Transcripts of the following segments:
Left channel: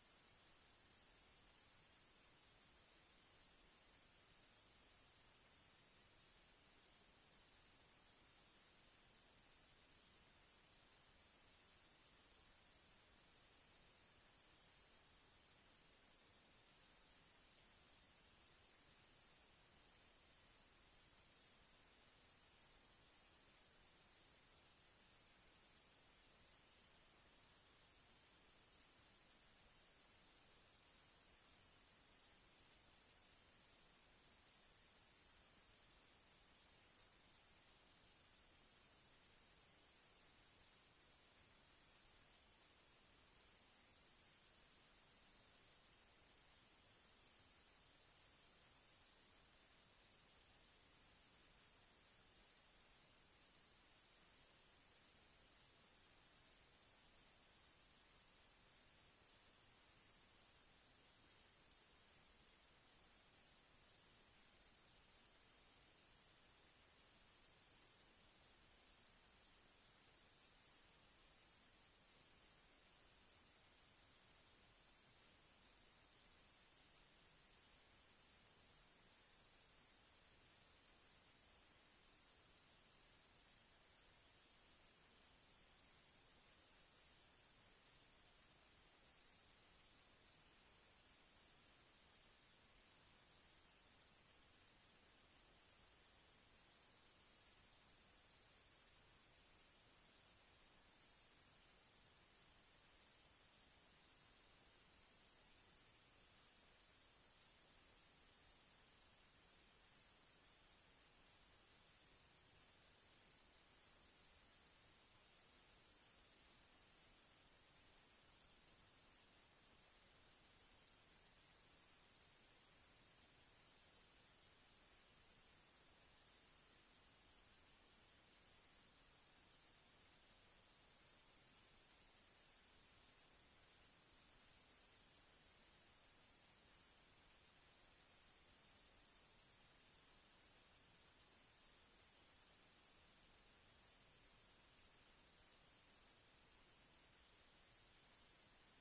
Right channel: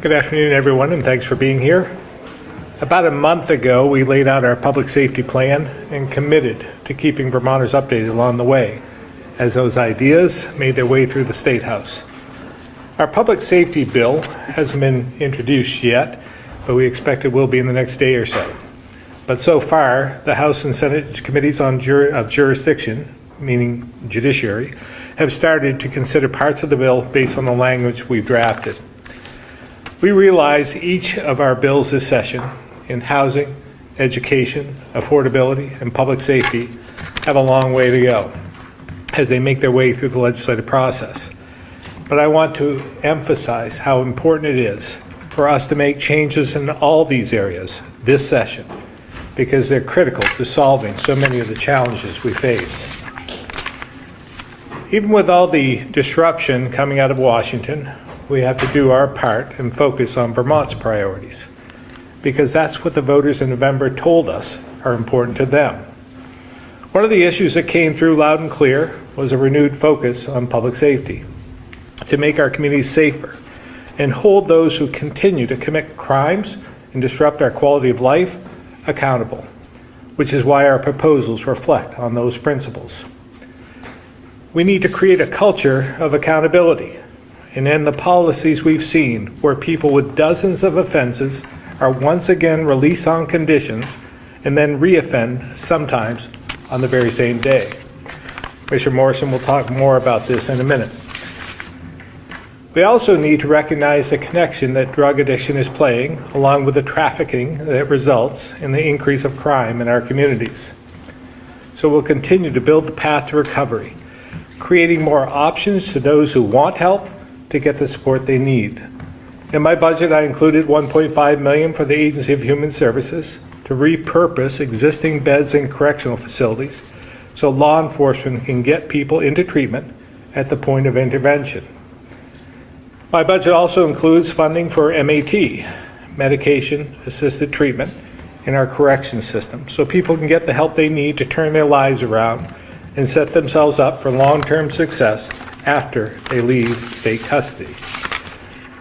Good afternoon, everyone, and thanks for being here. About a month ago, we laid out our public safety plan and committed to keeping Vermonters updated along the way as those ideas made their way through the State House. Our public safety bill hasn't been introduced yet, but we expect it will be in the next day or so. But so far, the House and Senate committees of jurisdiction, meaning judiciary, have started to consider parts of the bill based on the language we've drafted. We realize each of our bills this session in housing, education, affordability, and public safety have a long way to go as they make their way through the legislative process. But I want to emphasize how important it is for us to make changes in all these areas this session because they're critical to solving so many of the challenges we face. Even with all the disruption coming out of Washington, we have to do our part and focus on Vermont's priorities, because that's what the voters in November told us are important to them. One of the issues that came through loud and clear was a renewed focus on public safety, to make our communities safer and hold those who continue to commit crimes and disrupt our quality of life accountable, which is why our proposals reflect on those principles. We need to create a culture of accountability and end the policies we've seen where people with dozens of offenses are once again released on conditions and then reoffend sometimes on the very same day. Commissioner Morrison will talk more about this in a minute. We also need to recognize the connection that drug addiction is playing, along with the trafficking that results in the increase of crime in our communities. So we'll continue to build the path to recovery, creating more options to those who want help to get the support they need. In my budget, I included $1.5 million for the Agency of Human Services to repurpose existing beds in correctional facilities so law enforcement can get people into treatment at the point of intervention. My budget also includes funding for MAT, medication-assisted treatment, in our correction system so people can get the help they need to turn their lives around and set themselves up for long-term success after they leave state custody.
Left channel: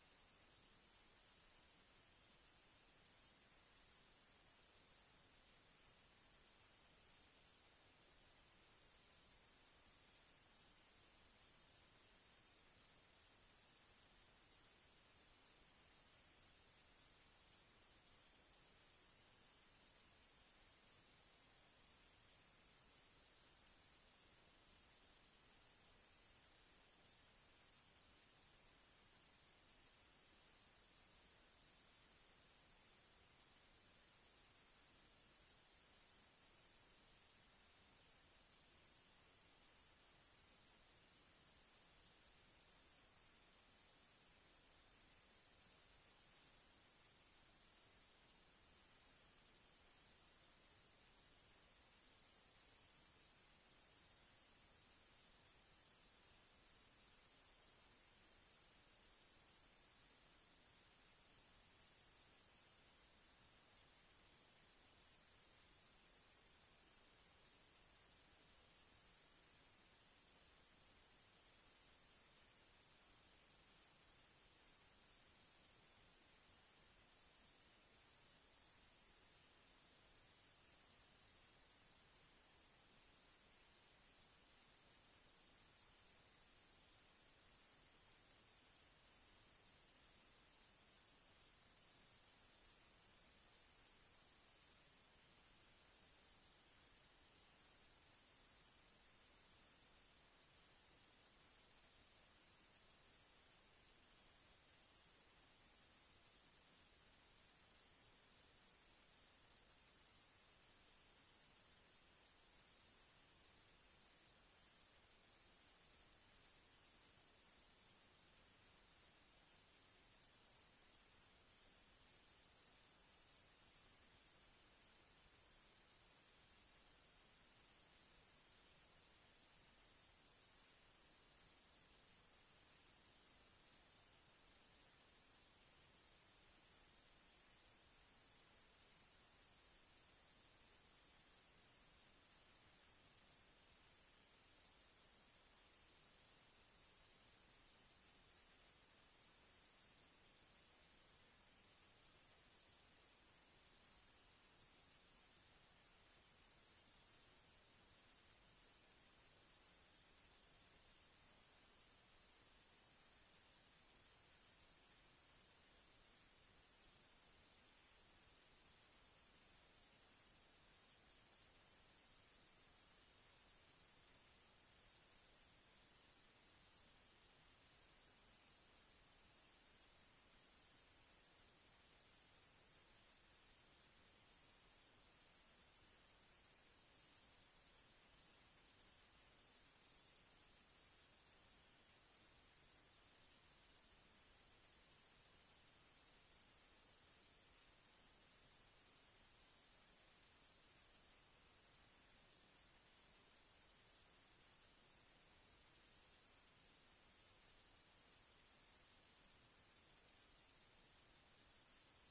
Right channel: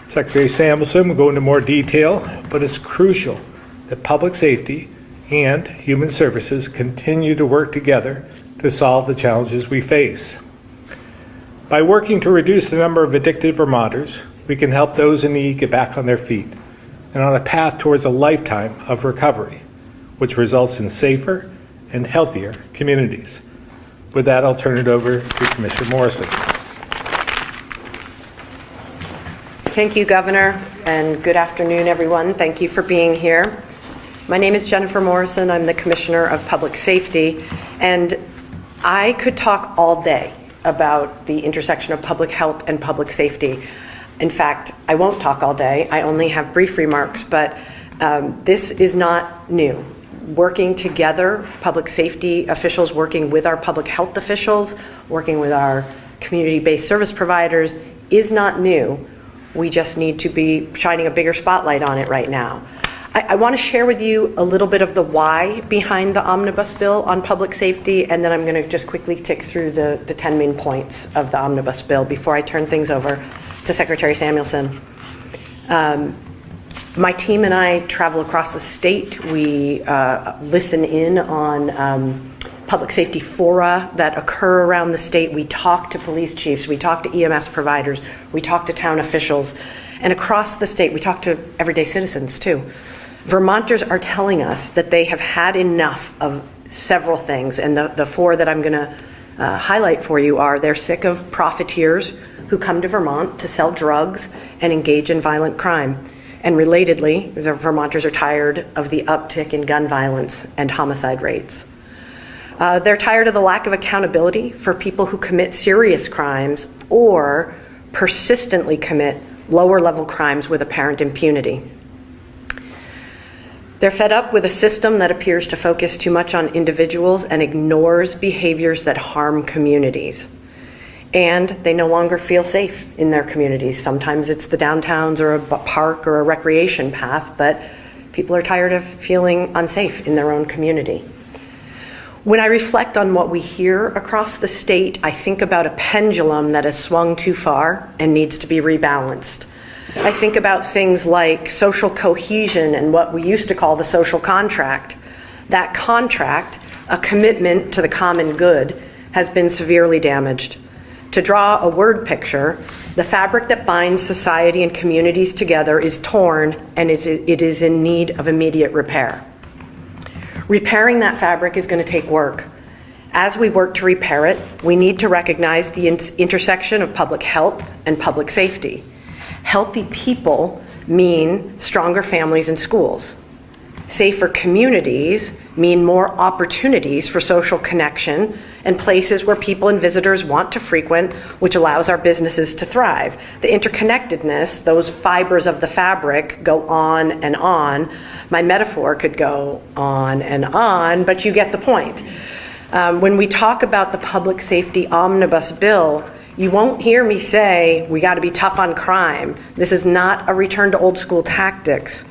Secretary Samuelson will go into more detail, but it's crucial that public safety and human services continue to work together to solve the challenges we face. By working to reduce the number of addicted Vermonters, we can help those in need get back on their feet and on a path towards a lifetime of recovery, which results in safer and healthier communities. With that, I'll turn it over to Commissioner Morrison. Thank you, Governor, and good afternoon, everyone. Thank you for being here. My name is Jennifer Morrison. I'm the Commissioner of Public Safety, and I could talk all day about the intersection of public health and public safety. In fact, I won't talk all day. I only have brief remarks, but this is not new. Working together, public safety officials working with our public health officials, working with our community-based service providers is not new. We just need to be shining a bigger spotlight on it right now. I want to share with you a little bit of the why behind the omnibus bill on public safety, and then I'm going to just quickly tick through the 10 main points of the omnibus bill before I turn things over to Secretary Samuelson. My team and I travel across the state. We listen in on public safety fora that occur around the state. We talk to police chiefs, we talk to EMS providers, we talk to town officials, and across the state we talk to everyday citizens too. Vermonters are telling us that they have had enough of several things, and the four that I'm going to highlight for you are: they're sick of profiteers who come to Vermont to sell drugs and engage in violent crime. And relatedly, the Vermonters are tired of the uptick in gun violence and homicide rates. They're tired of the lack of accountability for people who commit serious crimes or persistently commit lower-level crimes with apparent impunity. They're fed up with a system that appears to focus too much on individuals and ignores behaviors that harm communities. And they no longer feel safe in their communities. Sometimes it's the downtowns or a park or a recreation path, but people are tired of feeling unsafe in their own community. When I reflect on what we hear across the state, I think about a pendulum that has swung too far and needs to be rebalanced. I think about things like social cohesion and what we used to call the social contract. That contract, a commitment to the common good, has been severely damaged. To draw a word picture, the fabric that binds society and communities together is torn, and it is in need of immediate repair. Repairing that fabric is going to take work. As we work to repair it, we need to recognize the intersection of public health and public safety. Healthy people mean stronger families and schools. Safer communities mean more opportunities for social connection and places where people and visitors want to frequent, which allows our businesses to thrive. The interconnectedness, those fibers of the fabric, go on and on. My metaphor could go on and on, but you get the point. When we talk about the public safety omnibus bill, you won't hear me say, we got to be tough on crime. This is not a return to old school tactics,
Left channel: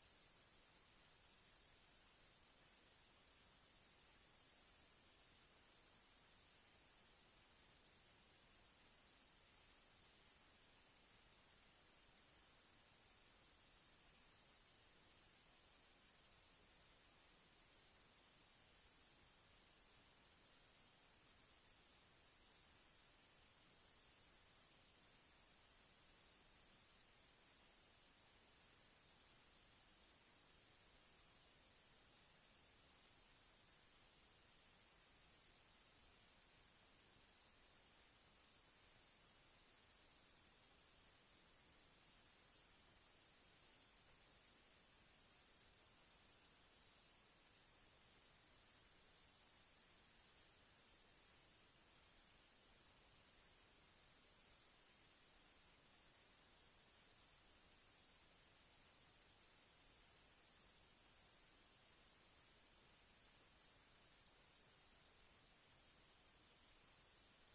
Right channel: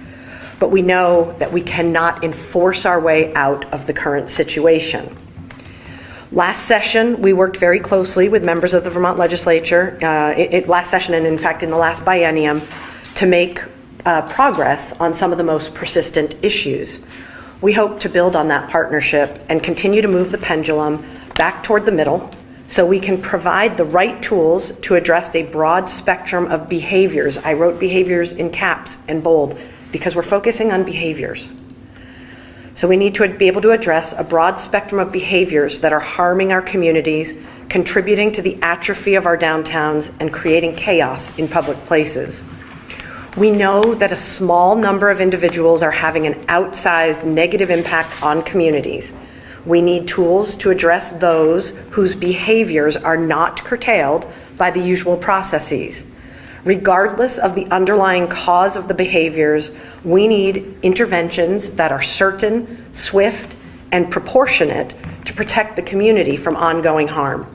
but we know that we cannot enforce our way out of the current situation. Last session, we worked very closely with members of the Vermont legislature, last session and in fact in the last biennium, to make progress on some of the most persistent issues. We hope to build on that partnership and continue to move the pendulum back toward the middle so we can provide the right tools to address a broad spectrum of behaviors. I wrote behaviors in caps and bold because we're focusing on behaviors. So we need to be able to address a broad spectrum of behaviors that are harming our communities, contributing to the atrophy of our downtowns, and creating chaos in public places. We know that a small number of individuals are having an outsized negative impact on communities. We need tools to address those whose behaviors are not curtailed by the usual processes. Regardless of the underlying cause of the behaviors, we need interventions that are certain, swift, and proportionate to protect the community from ongoing harm.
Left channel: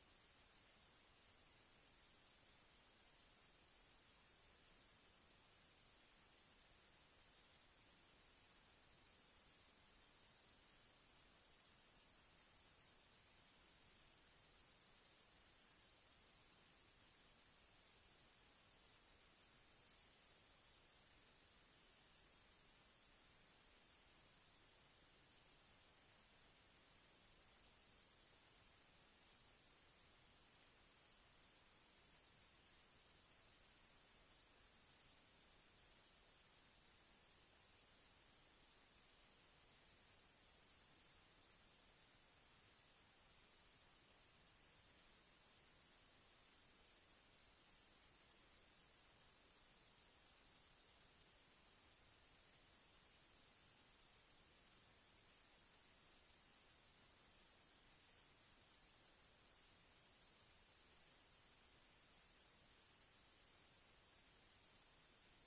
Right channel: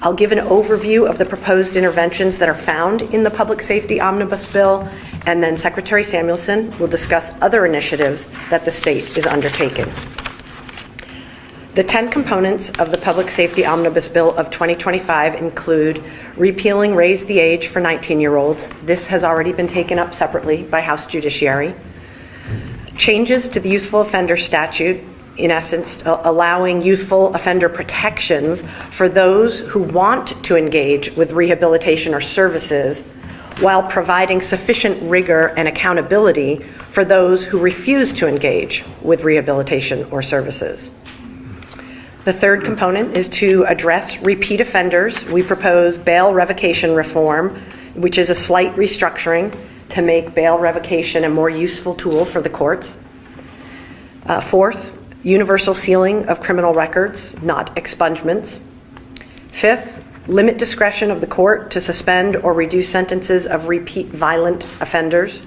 I'll give an overview of the proposed interventions that are found in the Public Safety Omnibus Bill, and then Secretary Samuelson will discuss other initiatives that the state is undertaking. The 10 components of the Public Safety Omnibus Bill of 2025 include repealing Raise the Age for 19-year-olds. This has already been taken up separately by House Judiciary. Changes to the Youthful Offender Statute, in essence, allowing youthful offender protections for those who want to engage with rehabilitation or services, while providing sufficient rigor and accountability for those who refuse to engage with rehabilitation or services. The third component is to address repeat offenders. We propose bail revocation reform, which is a slight restructuring to make bail revocation a more useful tool for the courts. Fourth, universal sealing of criminal records, not expungements. Fifth, limit discretion of the court to suspend or reduce sentences of repeat violent offenders.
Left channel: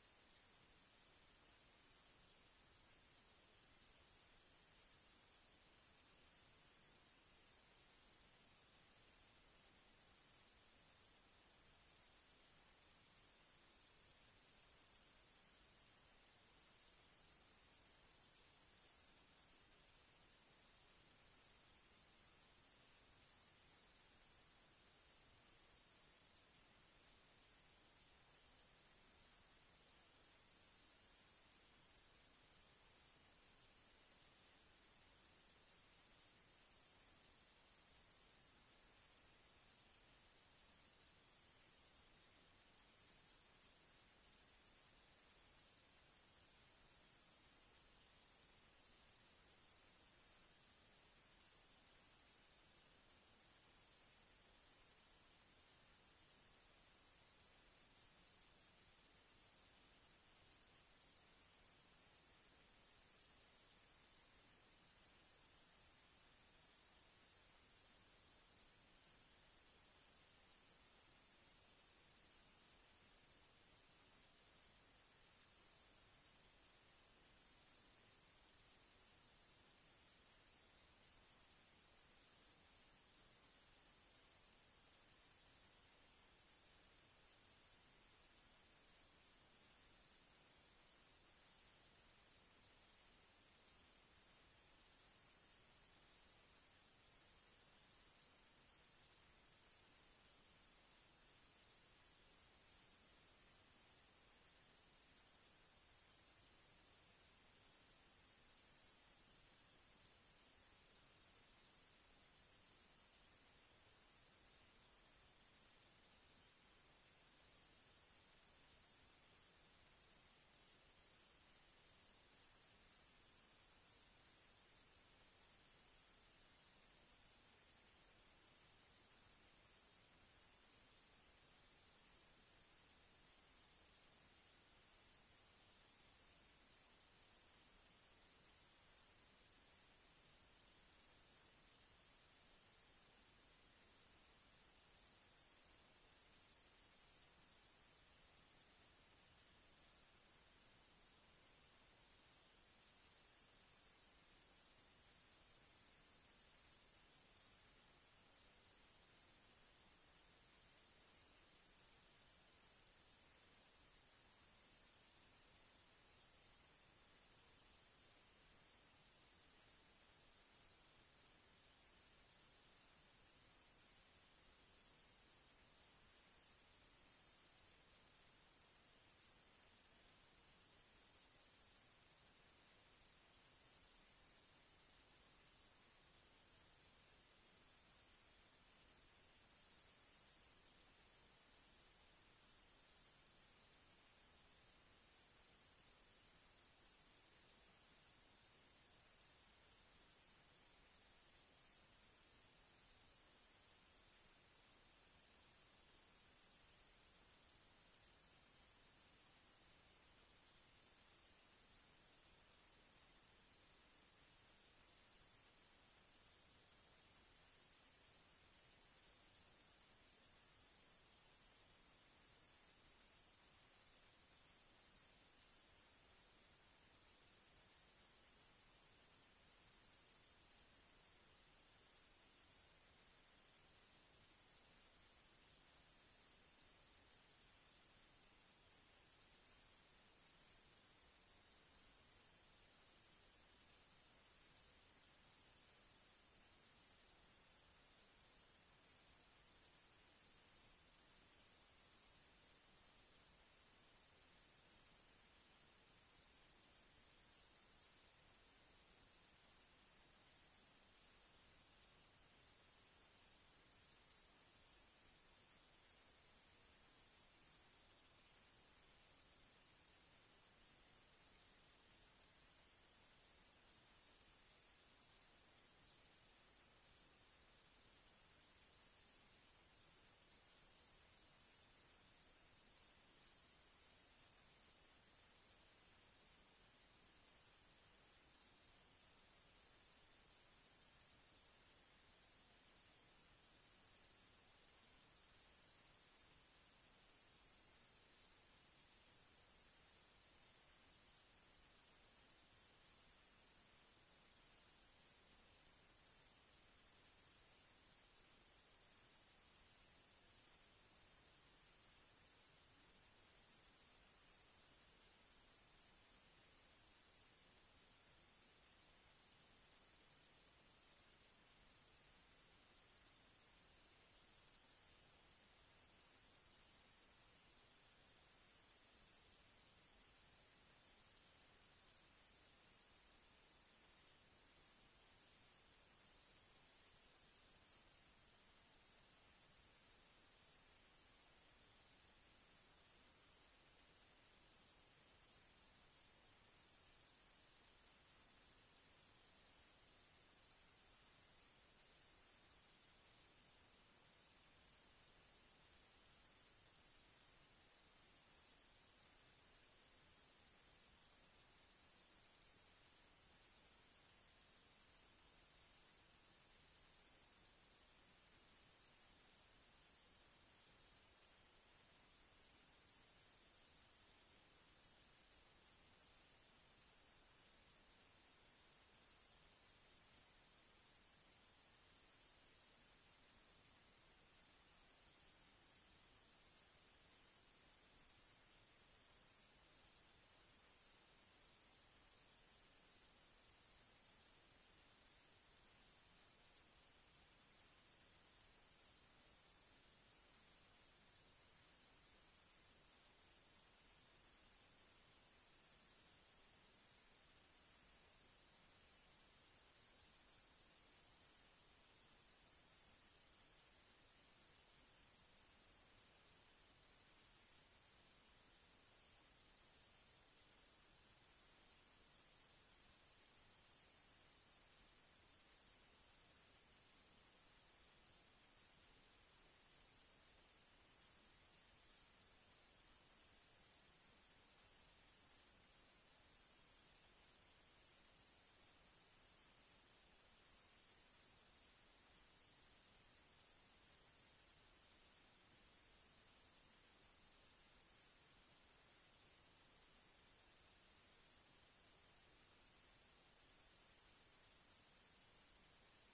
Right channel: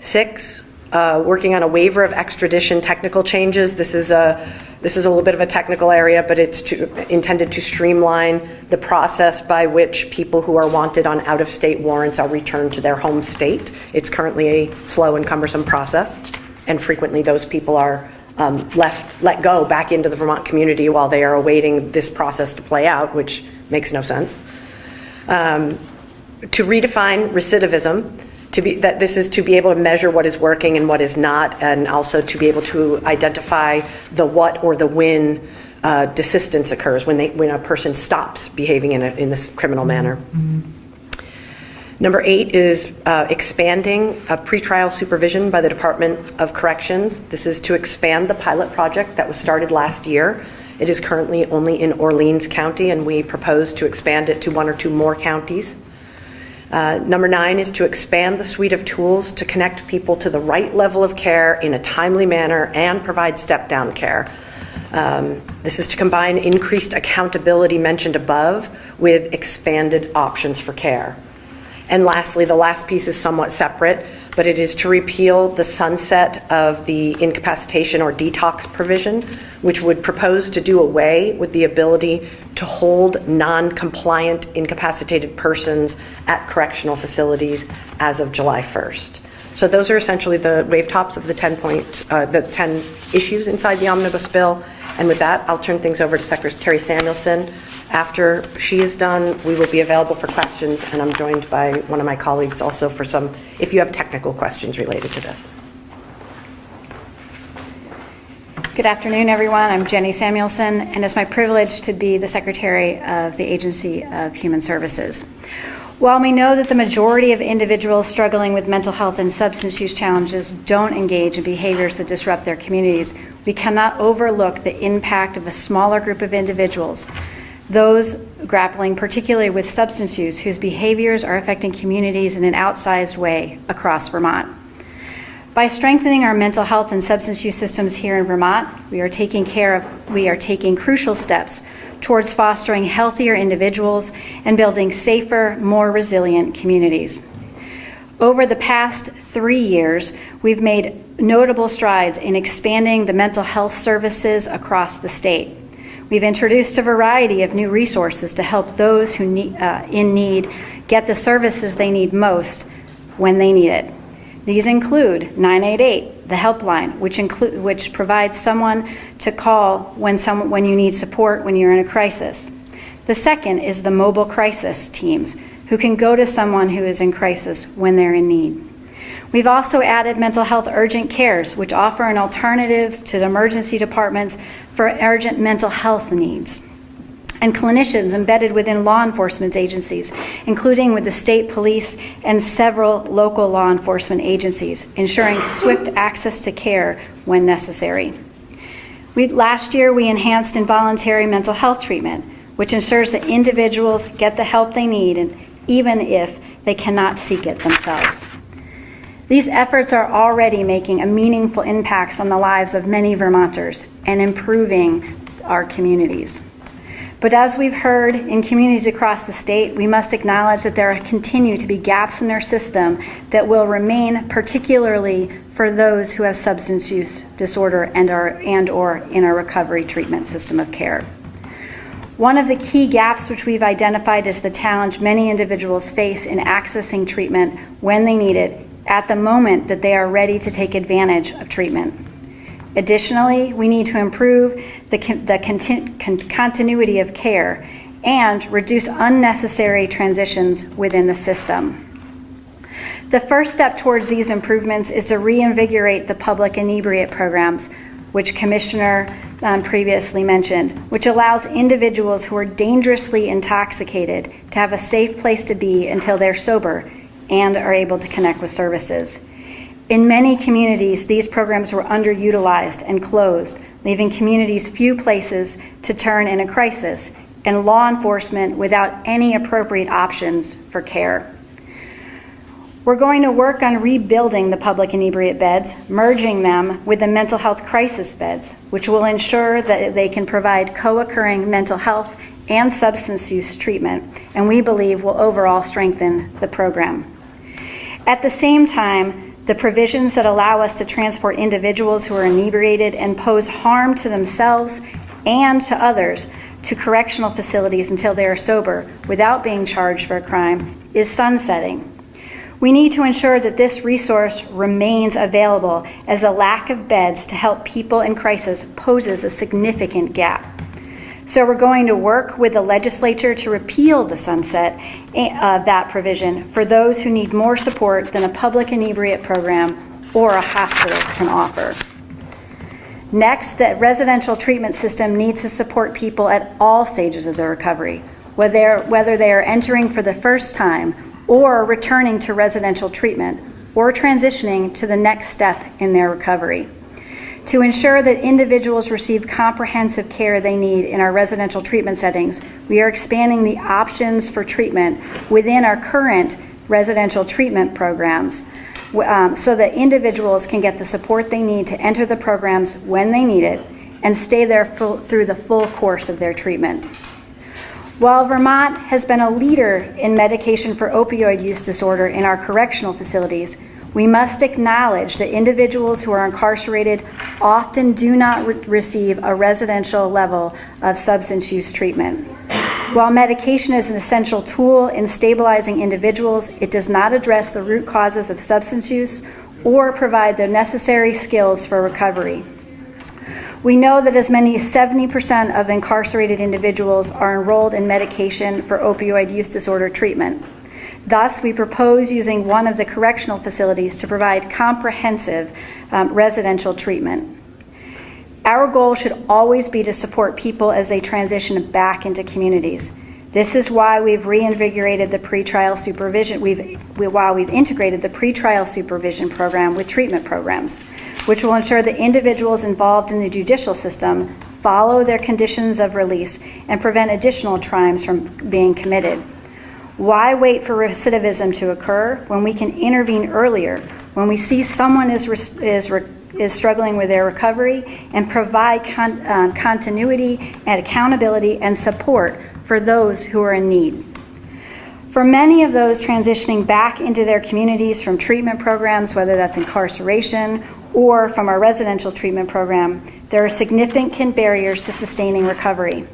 Six, working on a waiver of extradition technical changes. This is a little bit of a technical area, but it's intended to streamline the process by which people who are wanted on out-of-state warrants are returned to their home state. It's currently a slow and cumbersome process, and frequently those people are let go back into the Vermont community while they are awaiting this process to play out, which makes no sense. To redefine recidivism, this is to be able to measure what is working and what is not, and also to be able to identify the what or the when desistance occurs, when a person stops behaving in this criminal manner. Mm-hmm. Number 8 is expanding pretrial supervision by the Department of Corrections. This is to expand the pilot project that was started last year. It is currently only in Orleans County, and we propose to expand it to 1 or 2 more counties. Number 9 is to expand the suite of tools to connect people to the right level of care in a timely manner and provide step-down care. This is to combine increased accountability mentioned above with expanded options for care. And lastly, the last piece is somewhat separate, but it is to repeal the sunset of the incapacitation or detox provision, which would propose to do away with the ability to hold non-compliant incapacitated persons at correctional facilities as of July 1st. So those are essentially the wave tops of the 10 issues inside the omnibus bill. And with that, I'll turn things over to Secretary Samuelson. After she is done, we will be available for questions, and I'm joined by one of my colleagues also for some, if you have technical questions related to this. Good afternoon, everyone. I'm Jenny Samuelson, and it's my privilege to be the Secretary of the Agency of Human Services. While we know that the majority of individuals struggling with mental health and substance use challenges don't engage in behaviors that disrupt their communities, we cannot overlook the impact of a smaller group of individuals, those grappling particularly with substance use, whose behaviors are affecting communities in an outsized way across Vermont. By strengthening our mental health and substance use systems here in Vermont, we are taking crucial steps towards fostering healthier individuals and building safer, more resilient communities. Over the past 3 years, we've made notable strides in expanding the mental health services across the state. We've introduced a variety of new resources to help those who in need get the services they need most when they need it. These include 988, the helpline, which provides someone to call when you need support when you're in a crisis. The second is the mobile crisis teams, who can go to someone who is in crisis when they're in need. We've also added mental health urgent cares, which offer an alternative to the emergency departments for urgent mental health needs, and clinicians embedded within law enforcement agencies, including with the state police and several local law enforcement agencies, ensuring swift access to care when necessary. Last year, we enhanced involuntary mental health treatment, which ensures that individuals get the help they need, and even if they cannot seek it themselves. These efforts are already making a meaningful impact on the lives of many Vermonters and improving our communities. But as we've heard in communities across the state, we must acknowledge that there continue to be gaps in our system that will remain, particularly for those who have substance use disorder and/or in our recovery treatment system of care. One of the key gaps which we've identified is the challenge many individuals face in accessing treatment when they need it at the moment that they are ready to take advantage of treatment. Additionally, we need to improve the continuity of care and reduce unnecessary transitions within the system. The first step towards these improvements is to reinvigorate the public inebriate programs, which Commissioner previously mentioned, which allows individuals who are dangerously intoxicated to have a safe place to be until they're sober and are able to connect with services. In many communities, these programs were underutilized and closed, leaving communities few places to turn in a crisis and law enforcement without any appropriate options for care. We're going to work on rebuilding the public inebriate beds, merging them with the mental health crisis beds, which will ensure that they can provide co-occurring mental health and substance use treatment, and we believe will overall strengthen the program. At the same time, the provisions that allow us to transport individuals who are inebriated and pose harm to themselves and to others to correctional facilities until they are sober without being charged for a crime is sunsetting. We need to ensure that this resource remains available, as a lack of beds to help people in crisis poses a significant gap. So we're going to work with the legislature to repeal the sunset of that provision for those who need more support than a public inebriate program or a hospital can offer. Next, the residential treatment system needs to support people at all stages of their recovery, whether they are entering for the first time or returning to residential treatment or transitioning to the next step in their recovery. To ensure that individuals receive comprehensive care they need in our residential treatment settings, we are expanding the options for treatment within our current residential treatment programs so that individuals can get the support they need to enter the programs when they need it and stay there through the full course of their treatment. While Vermont has been a leader in medication for opioid use disorder in our correctional facilities, we must acknowledge that individuals who are incarcerated often do not receive a residential level of substance use treatment. While medication is an essential tool in stabilizing individuals, it does not address the root causes of substance use or provide the necessary skills for recovery. We know that as many as 70% of incarcerated individuals are enrolled in medication for opioid use disorder treatment. Thus, we propose using one of the correctional facilities to provide comprehensive residential treatment. Our goal should always be to support people as they transition back into communities. This is why we've reinvigorated the pretrial supervision, while we've integrated the pretrial supervision program with treatment programs, which will ensure that individuals involved in the judicial system follow their conditions of release and prevent additional crimes from being committed. Why wait for recidivism to occur when we can intervene earlier, when we see someone is struggling with their recovery, and provide continuity and accountability and support for those who are in need? For many of those transitioning back into their communities from treatment programs, whether that's incarceration or from our residential treatment program, there are significant barriers to sustaining recovery.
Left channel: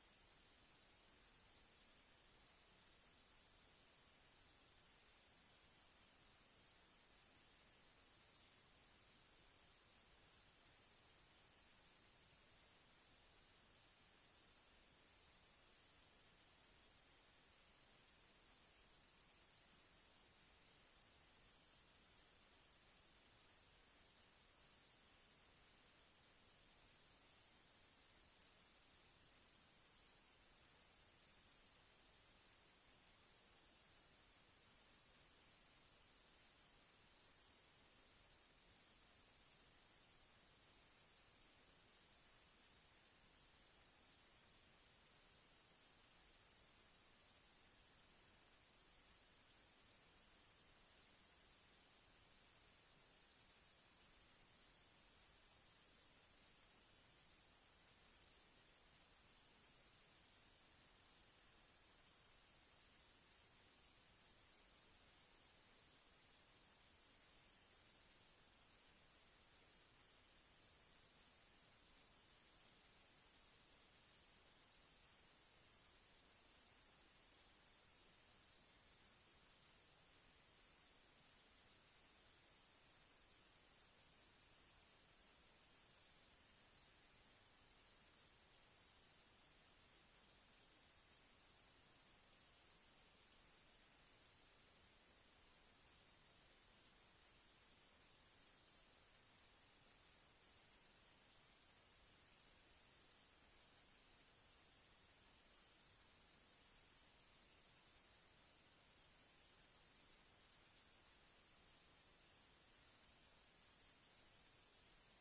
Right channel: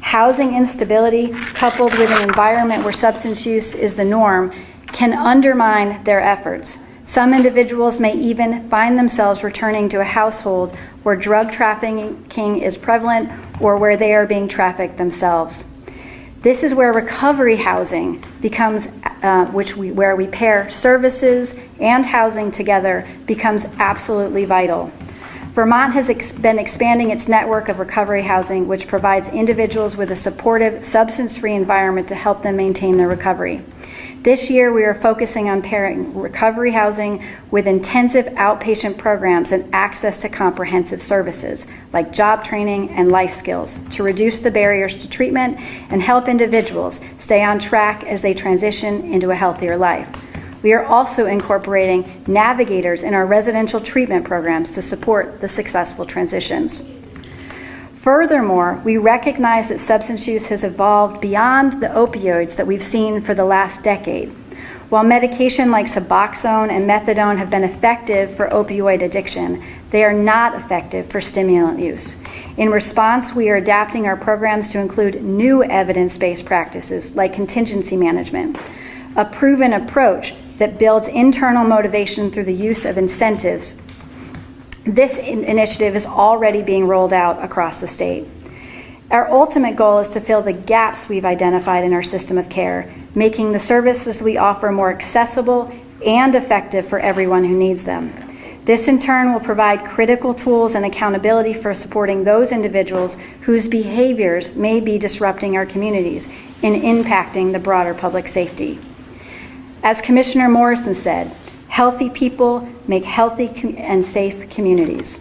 Housing instability, coupled with an environment where substance use is the norm, can undermine their efforts. Some individuals may even find themselves returning to a household where drug trafficking is prevalent or where they are being trafficked themselves. This is where recovery housing becomes, where we pair services and housing together, becomes absolutely vital. Vermont has been expanding its network of recovery housing, which provides individuals with a supportive, substance-free environment to help them maintain their recovery. This year, we are focusing on pairing recovery housing with intensive outpatient programs and access to comprehensive services like job training and life skills to reduce the barriers to treatment and help individuals stay on track as they transition into a healthier life. We are also incorporating navigators in our residential treatment programs to support the successful transitions. Furthermore, we recognize that substance use has evolved beyond the opioids that we've seen for the last decade. While medication like Suboxone and methadone have been effective for opioid addiction, they are not effective for stimulant use. In response, we are adapting our programs to include new evidence-based practices like contingency management, a proven approach that builds internal motivation through the use of incentives. This initiative is already being rolled out across the state. Our ultimate goal is to fill the gaps we've identified in our system of care, making the services we offer more accessible and effective for everyone who needs them. This in turn will provide critical tools and accountability for supporting those individuals whose behaviors may be disrupting our communities and impacting the broader public safety. As Commissioner Morrison said, healthy people make healthy and safe communities.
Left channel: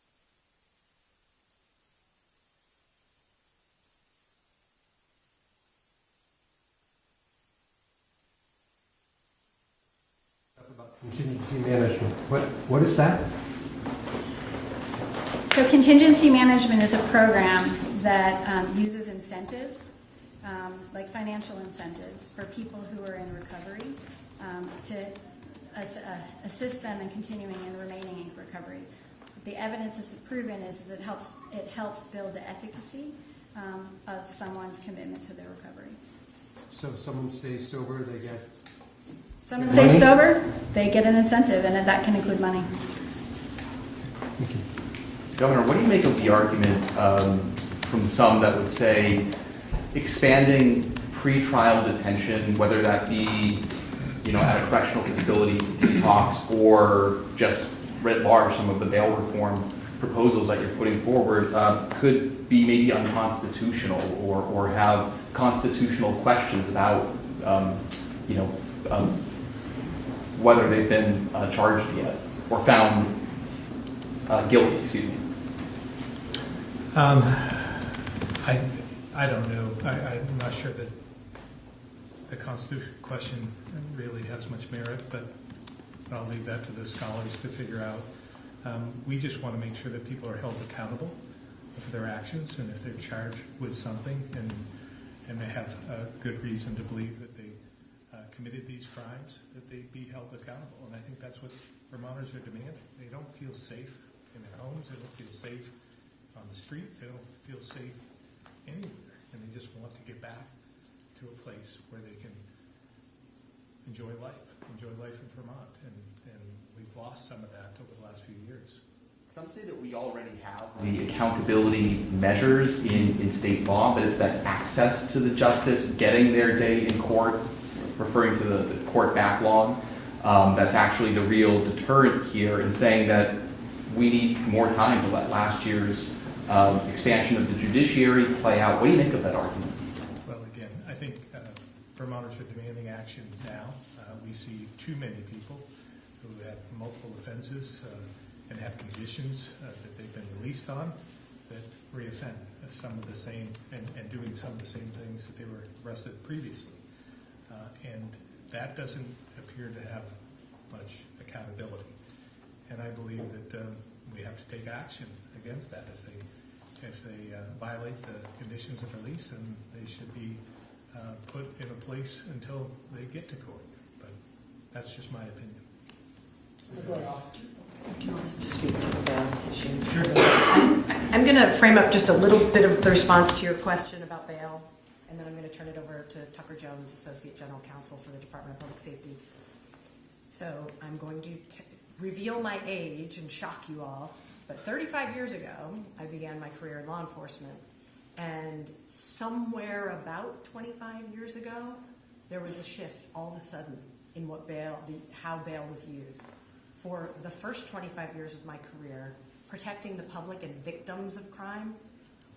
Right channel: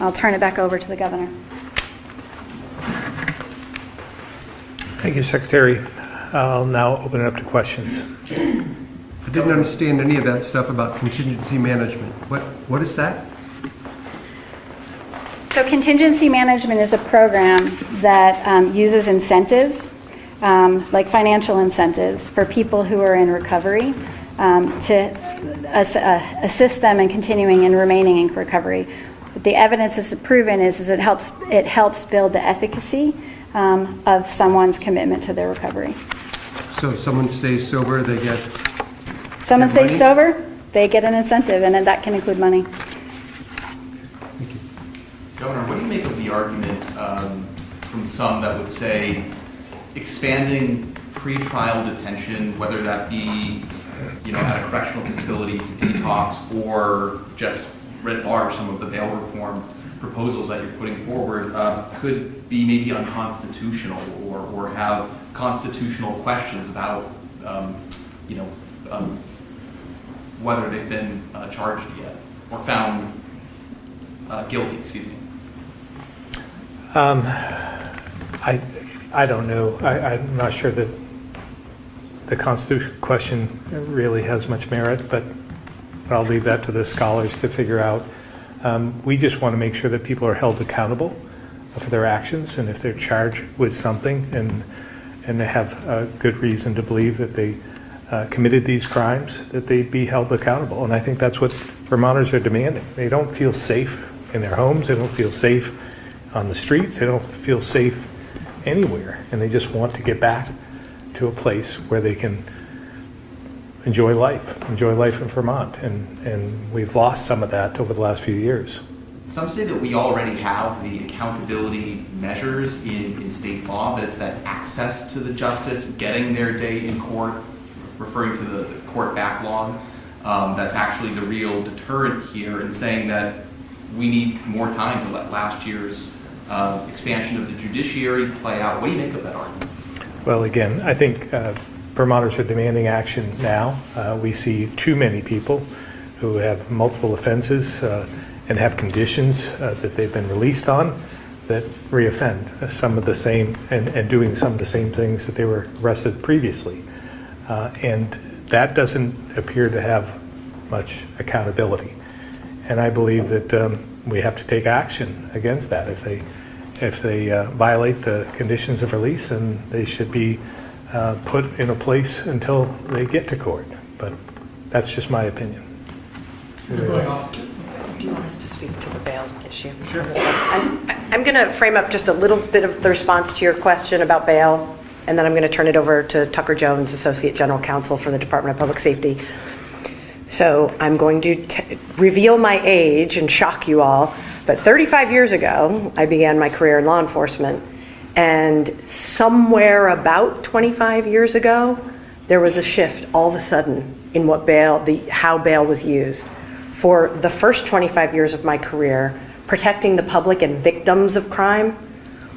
I'll turn it back over to the governor. Thank you, Secretary. I'll now open it up to questions. I didn't understand any of that stuff about contingency management. What is that? So contingency management is a program that uses incentives, like financial incentives for people who are in recovery, to assist them in continuing and remaining in recovery. What the evidence has proven is it helps build the efficacy of someone's commitment to their recovery. So if someone stays sober, they get... Someone Get stays money? sober, they get an incentive, and then that can include money. Thank you. Governor, what do you make of the argument from some that would say expanding pretrial detention, whether that be at a correctional facility to detox or just writ large, some of the bail reform proposals that you're putting forward could be maybe unconstitutional or have constitutional questions about whether they've been charged yet or found guilty, excuse me. I don't know. I'm not sure that the Constitution question really has much merit, but I'll leave that to the scholars to figure out. We just want to make sure that people are held accountable for their actions, and if they're charged with something and they have a good reason to believe that they committed these crimes, that they be held accountable. And I think that's what Vermonters are demanding. They don't feel safe in their homes. They don't feel safe on the streets. They don't feel safe anywhere. And they just want to get back to a place where they can enjoy life in Vermont. And we've lost some of that over the last few years. Some say that we already have the accountability measures in state law, that it's that access to the justice, getting their day in court, referring to the court backlog. That's actually the real deterrent here in saying that we need more time to let last year's expansion of the judiciary play out. What do you make of that argument? Well, again, I think Vermonters are demanding action now. We see too many people who have multiple offenses and have conditions that they've been released on that reoffend some of the same and doing some of the same things that they were arrested previously. And that doesn't appear to have much accountability. And I believe that we have to take action against that. If they violate the conditions of release, then they should be put in a place until they get to court. But that's just my opinion. Do you want us to speak to the bail issue? Sure. I'm going to frame up just a little bit of the response to your question about bail, and then I'm going to turn it over to Tucker Jones, Associate General Counsel for the Department of Public Safety. So I'm going to reveal my age and shock you all, but 35 years ago, I began my career in law enforcement, and somewhere about 25 years ago, there was a shift all of a sudden in what how bail was used. For the first 25 years of my career, protecting the public and victims of crime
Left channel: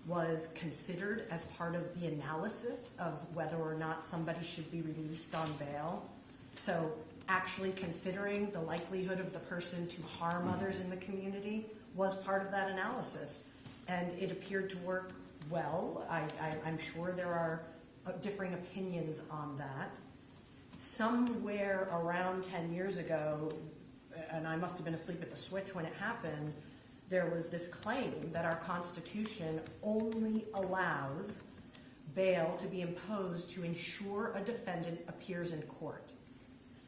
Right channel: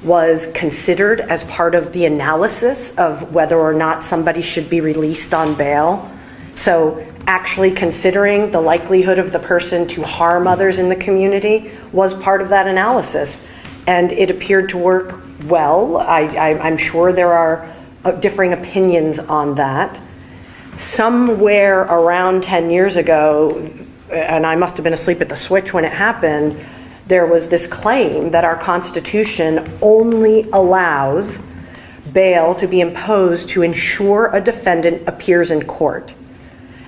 was considered as part of the analysis of whether or not somebody should be released on bail. So actually considering the likelihood of the person to harm others in the community was part of that analysis. And it appeared to work well. I'm sure there are differing opinions on that. Somewhere around 10 years ago, and I must have been asleep at the switch when it happened, there was this claim that our Constitution only allows bail to be imposed to ensure a defendant appears in court.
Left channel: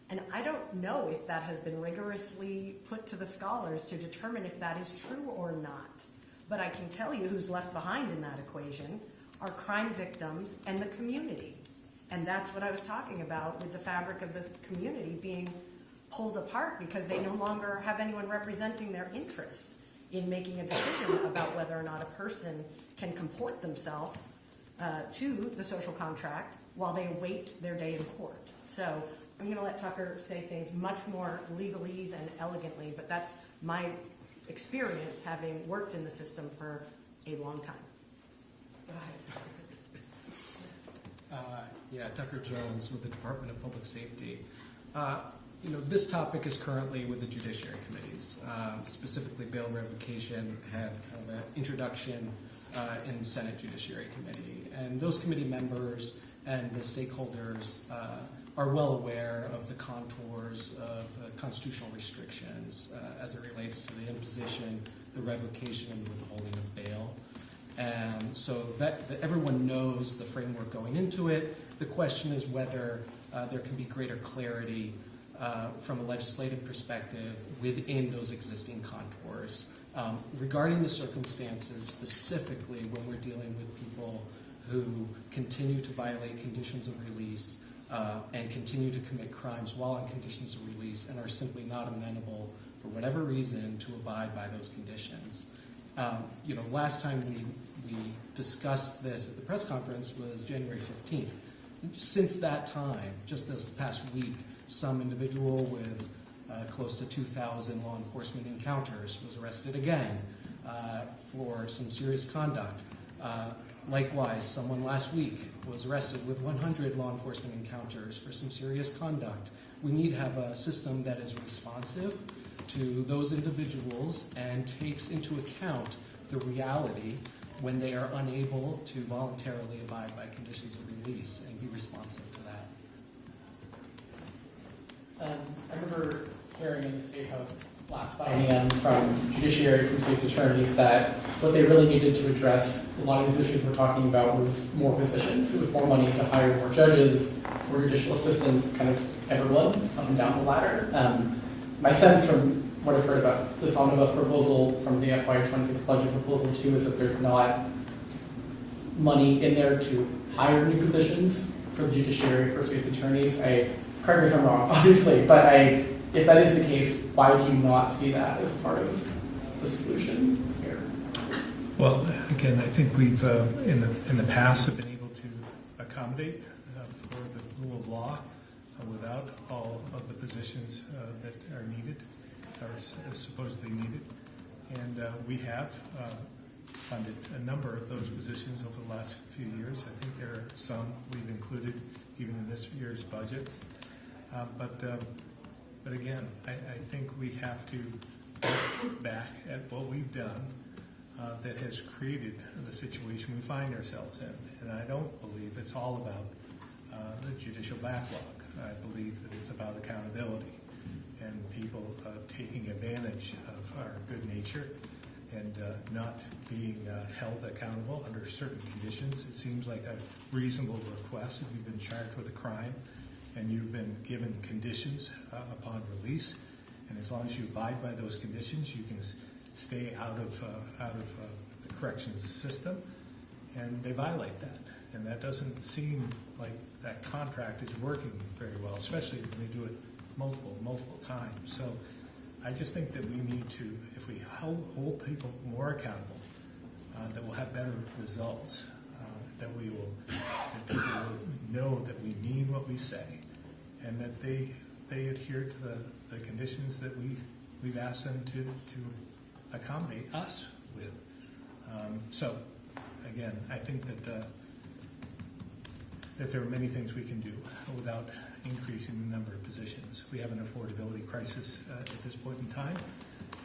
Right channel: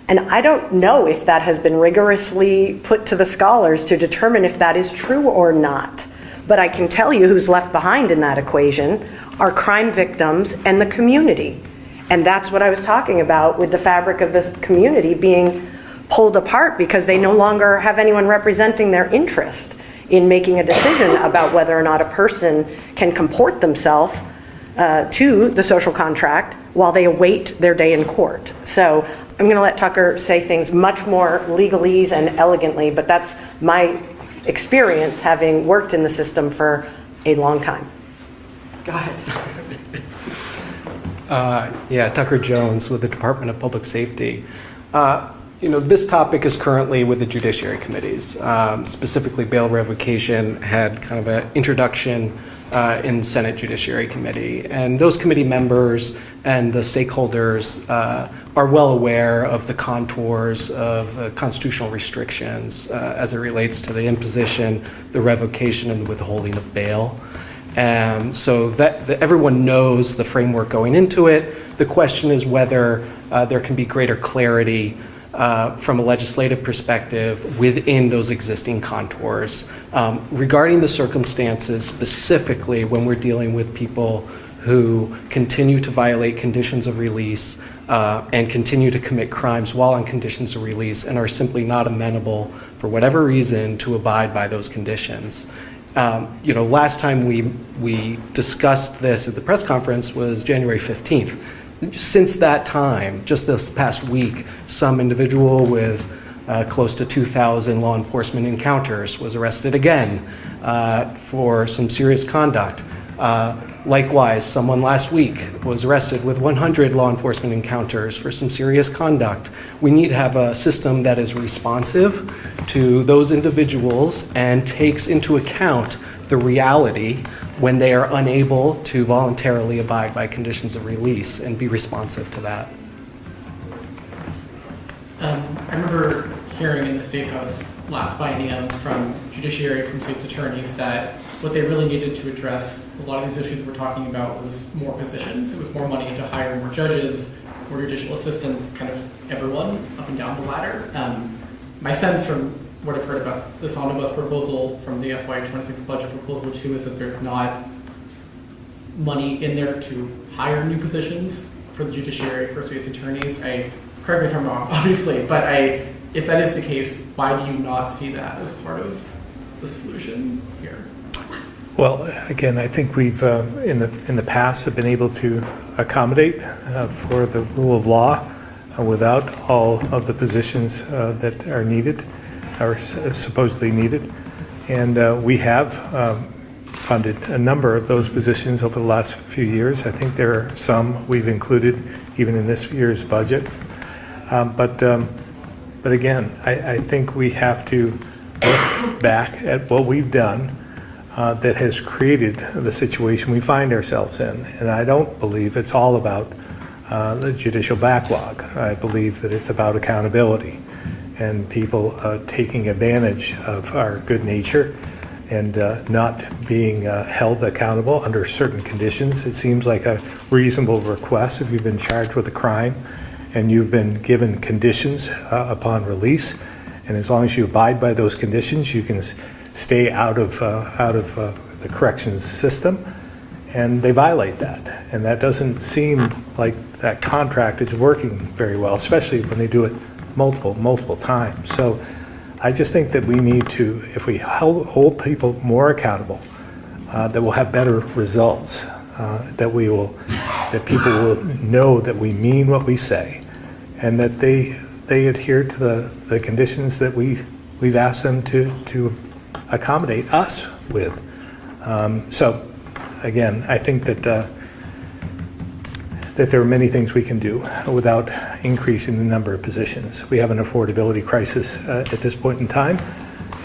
And I don't know if that has been rigorously put to the scholars to determine if that is true or not. But I can tell you who's left behind in that equation are crime victims and the community. And that's what I was talking about with the fabric of this community being pulled apart because they no longer have anyone representing their interest in making a decision about whether or not a person can comport themselves to the social contract while they await their day in court. So I'm going to let Tucker say things much more legalese and elegantly, but that's my experience having worked in the system for a long time. Go ahead. Tucker Jones with the Department of Public Safety. This topic is currently with the judiciary committees. Specifically, bail revocation had kind of an introduction in Senate Judiciary Committee. And those committee members and the stakeholders are well aware of the contours of constitutional restrictions as it relates to the imposition, the revocation, and withholding of bail. So that everyone knows the framework going into it. The question is whether there can be greater clarity from a legislative perspective within those existing contours. Regarding the circumstances, specifically when we're dealing with people who continue to violate conditions of release and continue to commit crimes while on conditions of release and are simply not amenable, for whatever reason, to abide by those conditions. Last time we discussed this at the press conference was January 15th. Since that time, just this past week, some individual with close to 2,000 law enforcement encounters was arrested again for some serious conduct. Likewise, someone last week was arrested with 100 law enforcement encounters for some serious conduct. We need to have a system that is responsive to those individuals and takes into account the reality when they are unable to voluntarily abide by conditions of release and be responsive to that. I remember hearing in the State House last biennium from judiciary, from state's attorneys, that what they really needed to address a lot of these issues we're talking about was more positions. It was more money to hire more judges, more judicial assistants, kind of everyone up and down the ladder. My sense from what I've heard about this omnibus proposal from the FY26 budget proposal too is that there's not money in there to hire new positions for the judiciary, for state's attorneys. Correct me if I'm wrong, obviously, but if that is the case, why do you not see that as part of the solution here? Well, again, I think we've, in the past, have been able to accommodate for the rule of law without all of the positions that are needed, or supposedly needed. And we have funded a number of those positions over the last few years. I think there are some we've included even in this year's budget. But again, I think we have to look back at what we've done that has created the situation we find ourselves in. And I don't believe it's all about the judicial backlog. I believe that it's about accountability and people taking advantage of our good nature and not being held accountable under certain conditions. It seems like a reasonable request if you've been charged with a crime and you've been given conditions upon release, and as long as you abide by those conditions, you can stay out of the corrections system, and they violate that. And that doesn't seem like that contract is working very well, especially when they do it multiple times. So I just think that we need to, if we hold people more accountable, that we'll have better results, that people will know that we mean what we say, and that they adhere to the conditions that we've asked them to accommodate us with. So again, I think that there are many things we can do without increasing the number of positions. We have an affordability crisis at this point in time,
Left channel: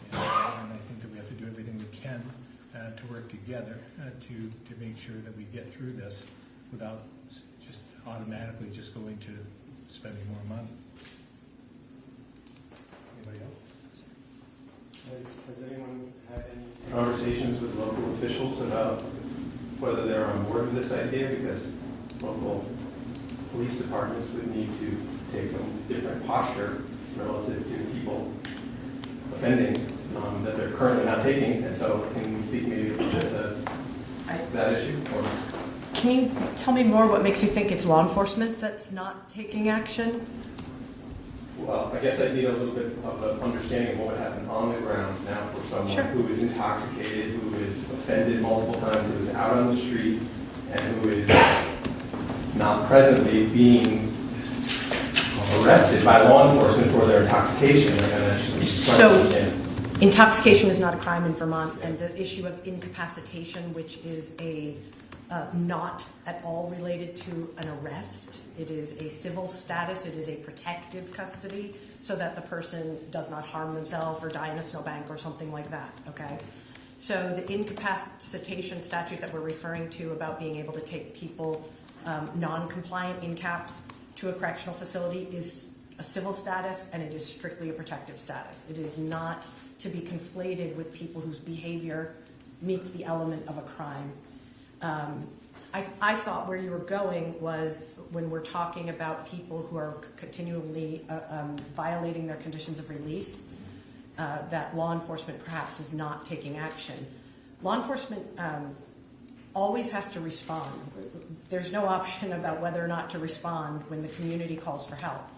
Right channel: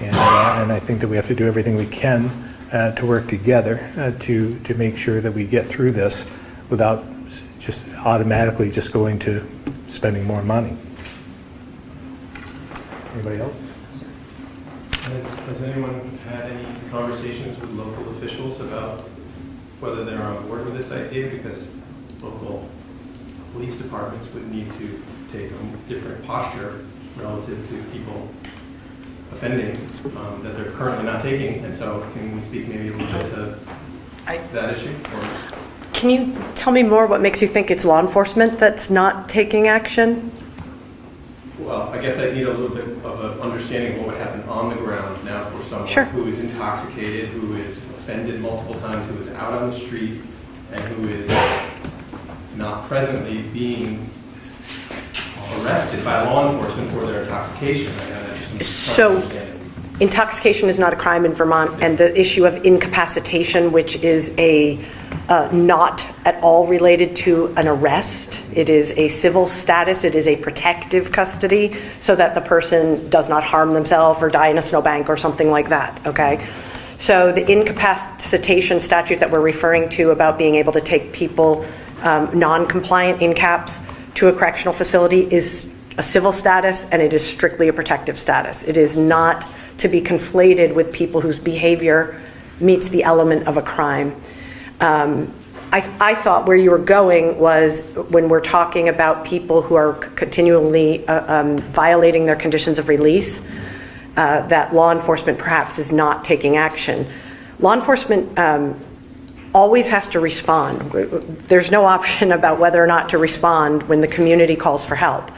and I think that we have to do everything we can to work together to make sure that we get through this without just automatically just going to spending more money. Anybody else? Has anyone had any conversations with local officials about whether they're on board with this idea? Because local police departments would need to take a different posture relative to people offending that they're currently not taking. And so can we speak maybe a little bit to that issue? Or? Can you tell me more what makes you think it's law enforcement that's not taking action? Well, I guess I need a little bit of an understanding of what would happen on the ground now for someone who is intoxicated, who is offended multiple times, who is out on the street, and who is not presently being arrested by law enforcement for their intoxication. And I just So, intoxication is not a crime in Vermont, and the issue of incapacitation, which is a not at all related to an arrest. It is a civil status. It is a protective custody so that the person does not harm themselves or die in a snowbank or something like that, okay? So the incapacitation statute that we're referring to about being able to take people non-compliant in caps to a correctional facility is a civil status, and it is strictly a protective status. It is not to be conflated with people whose behavior meets the element of a crime. I thought where you were going was when we're talking about people who are continually violating their conditions of release, that law enforcement perhaps is not taking action. Law enforcement always has to respond. There's no option about whether or not to respond when the community calls for help.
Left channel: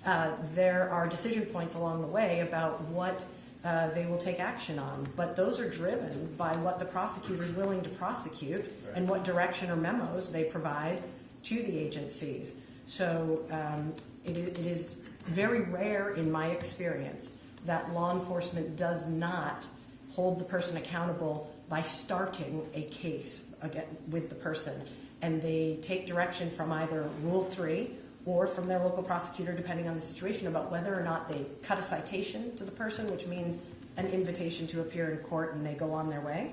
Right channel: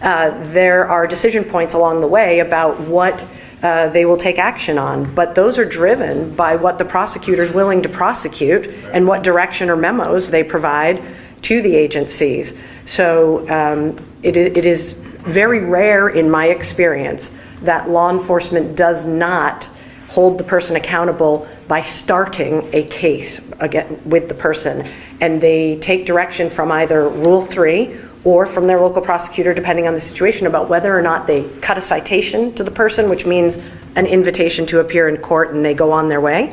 There are decision points along the way about what they will take action on, but those are driven by what the prosecutor is willing to prosecute and what direction or memos they provide to the agencies. So it is very rare in my experience that law enforcement does not hold the person accountable by starting a case again with the person, and they take direction from either Rule 3 or from their local prosecutor, depending on the situation, about whether or not they cut a citation to the person, which means an invitation to appear in court and they go on their way,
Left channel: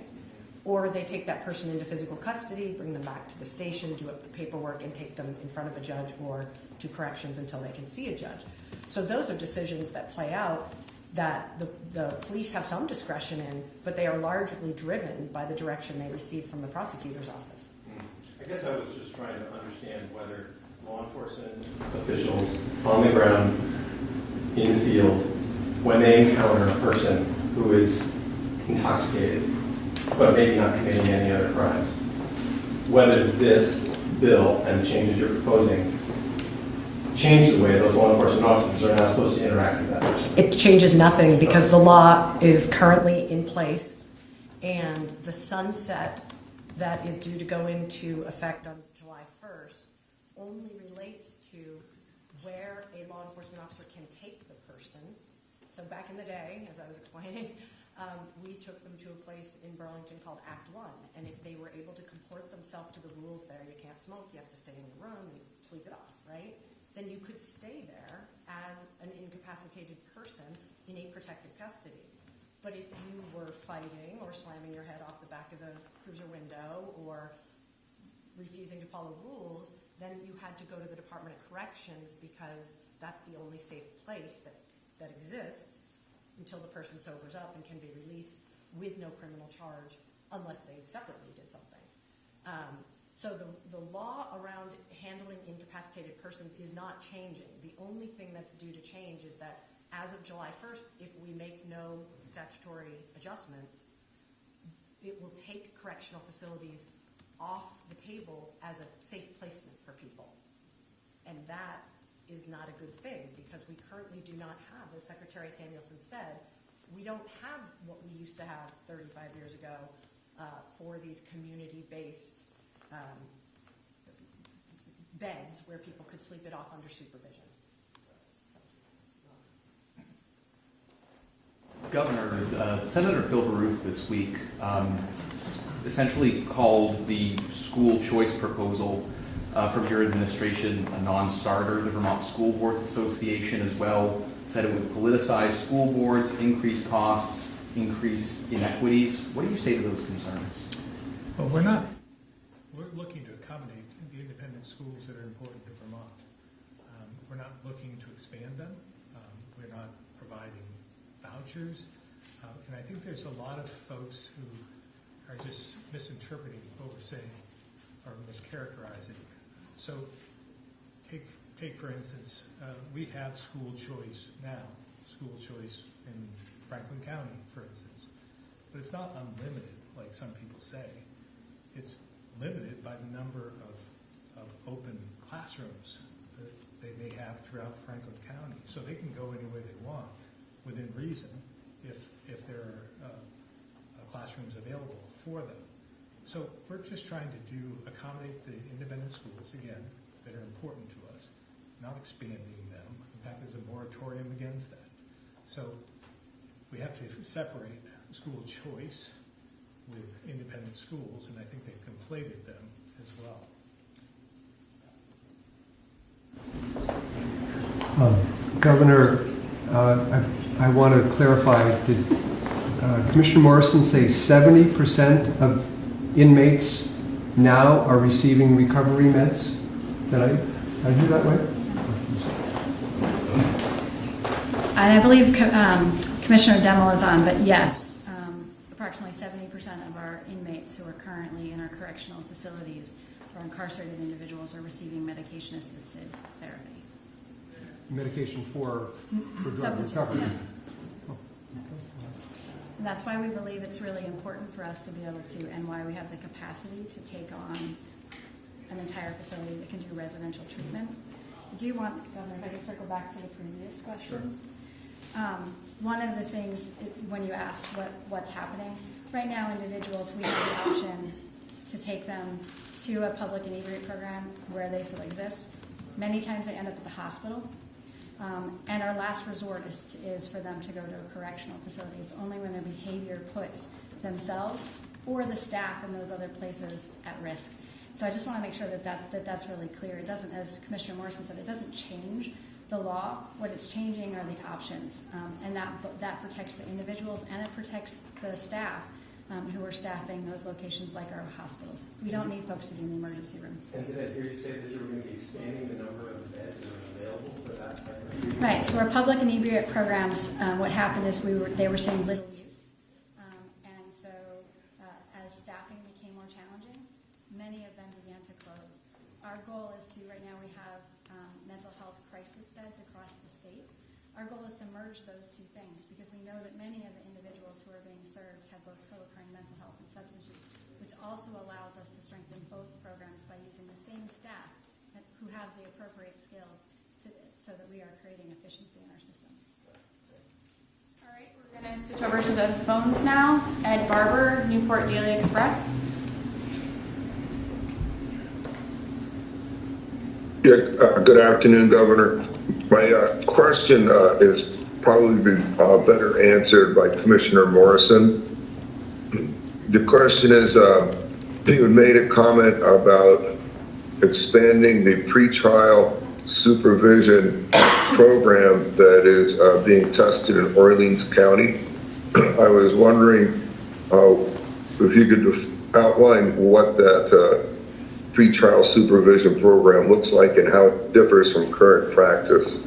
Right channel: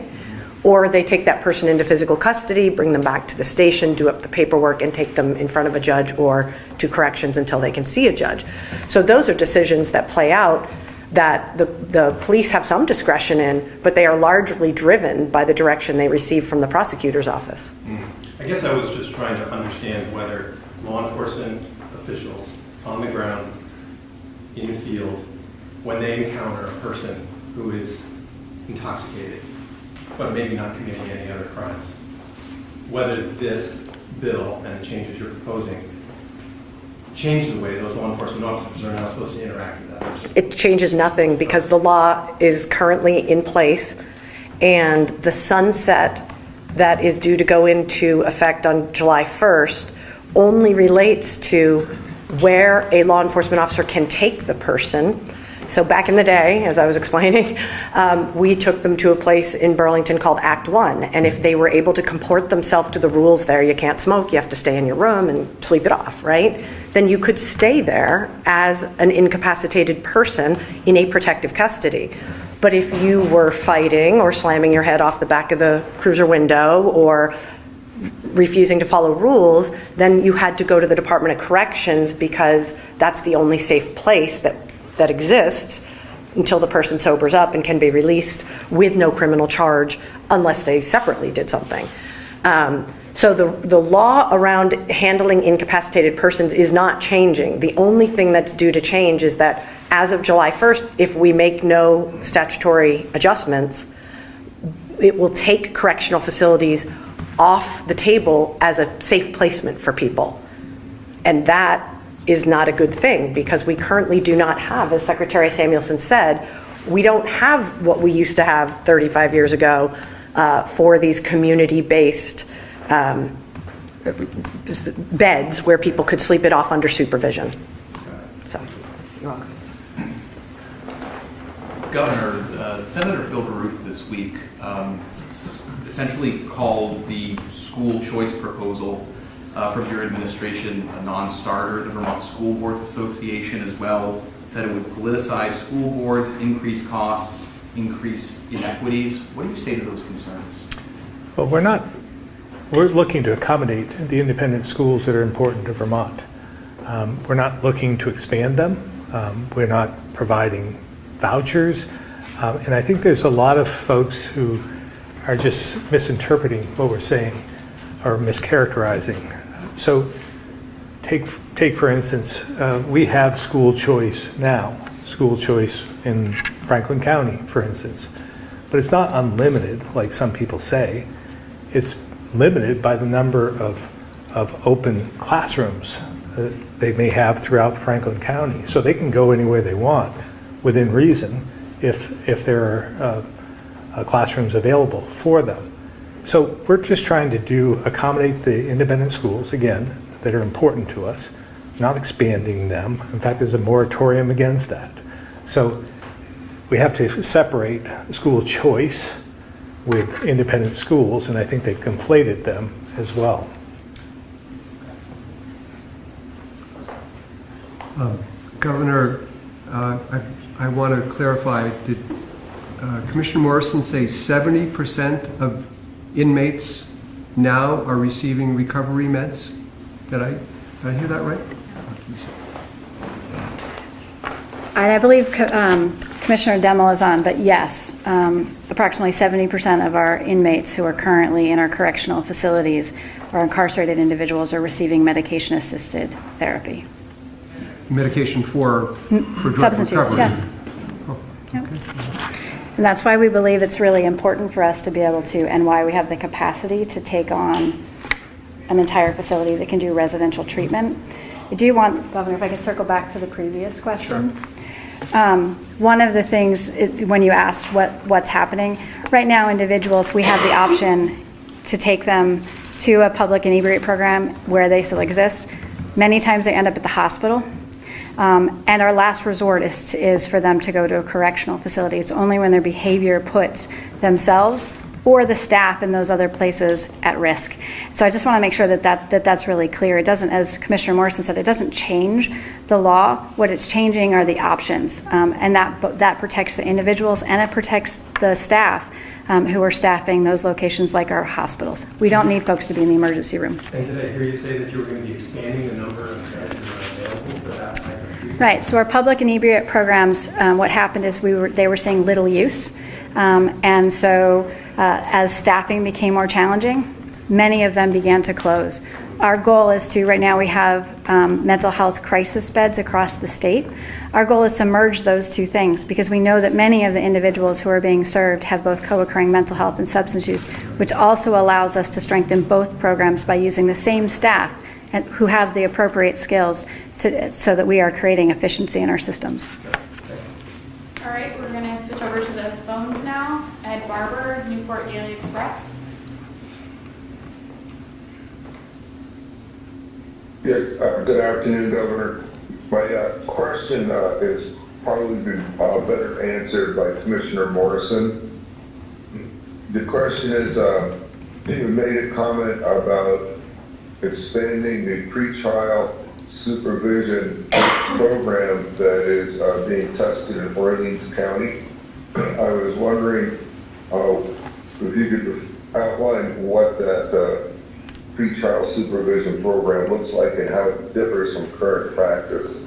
or they take that person into physical custody, bring them back to the station, do up the paperwork, and take them in front of a judge or to corrections until they can see a judge. So those are decisions that play out, that the police have some discretion in, but they are largely driven by the direction they receive from the prosecutor's office. I guess I was just trying to understand whether law enforcement officials on the ground, in the field, when they encounter a person who is intoxicated, but maybe not committing any other crimes, whether this bill and the changes you're proposing change the way those law enforcement officers are now supposed to interact with that person. It changes nothing because the law is currently in place, and the sunset that is due to go into effect on July 1st only relates to where a law enforcement officer can take the person. So back in the day, as I was explaining, we took them to a place in Burlington called Act 1, and if they were able to comport themselves to the rules there, you can't smoke, you have to stay in your room and sleep it off, right? Then you could stay there as an incapacitated person in a protective custody. But if you were fighting or slamming your head off the back of the cruiser window or refusing to follow rules, then you had to go to the Department of Corrections because that's the only safe place that exists until the person sobers up and can be released with no criminal charge unless they separately did something. So the law around handling incapacitated persons is not changing. The only thing that's due to change is that as of July 1st, if we make no statutory adjustments, it will take correctional facilities off the table as a safe placement for people. And that is not a good thing because we currently do not have, as Secretary Samuelson said, we don't have what we used to have 35 years ago for these community-based beds where people could sleep it off under supervision. So, you're welcome. Governor, Senator Phil Baruth this week essentially called the school choice proposal from your administration a non-starter. The Vermont School Boards Association as well said it would politicize school boards, increase costs, increase inequities. What do you say to those concerns? Well, we're looking to accommodate the independent schools that are important to Vermont. We're not looking to expand them. We're not providing vouchers. And I think there's a lot of folks who are just misinterpreting what we're saying or mischaracterizing. So take for instance, we have school choice now, school choice in Franklin County, for instance. But it's not unlimited, like some people say. It's limited by the number of open classrooms that they may have throughout Franklin County. So they can go anywhere they want within reason if there are classrooms available for them. So we're just trying to accommodate the independent schools, again, that are important to us, not expanding them. In fact, there's a moratorium against that. So we have to separate school choice with independent schools, and I think they've conflated them as well. Governor, I want to clarify, did Commissioner Morrison say 70% of inmates now are receiving recovery meds? Did I hear that right? And I believe Commissioner Demmel is on, but yes, approximately 70% of our inmates who are currently in our correctional facilities or incarcerated individuals are receiving medication-assisted therapy. Medication for drug Substance use, recovery? yeah. Oh, Yep. okay. And that's why we believe it's really important for us to be able to, and why we have the capacity to take on an entire facility that can do residential treatment. I do want, Governor, if I could circle back to the previous question. Sure. One of the things is when you asked what's happening, right now individuals, we have the option to take them to a public inebriate program where they still exist. Many times they end up at the hospital. And our last resort is for them to go to a correctional facility. It's only when their behavior puts themselves or the staff in those other places at risk. So I just want to make sure that's really clear. It doesn't, as Commissioner Morrison said, it doesn't change the law. What it's changing are the options, and that protects the individuals and it protects the staff who are staffing those locations like our hospitals. We don't need folks to be in the emergency room. And did I hear you say that you were going to be expanding the number of beds that are available for that type of treatment? Right, so our public inebriate programs, what happened is they were seeing little use. And so as staffing became more challenging, many of them began to close. Our goal is to, right now we have mental health crisis beds across the state. Our goal is to merge those two things because we know that many of the individuals who are being served have both co-occurring mental health and substance use, which also allows us to strengthen both programs by using the same staff and who have the appropriate skills so that we are creating efficiency in our systems. All right, we're going to switch over to the phones now. Ed Barber, Newport Daily Express. Yeah, good afternoon, Governor. My question is probably better answered by Commissioner Morrison. The question is, you made a comment about expanding the pretrial supervision program that is being tested in Orleans County. I was wondering if you could outline what that pretrial supervision program looks like and how it differs from current practice.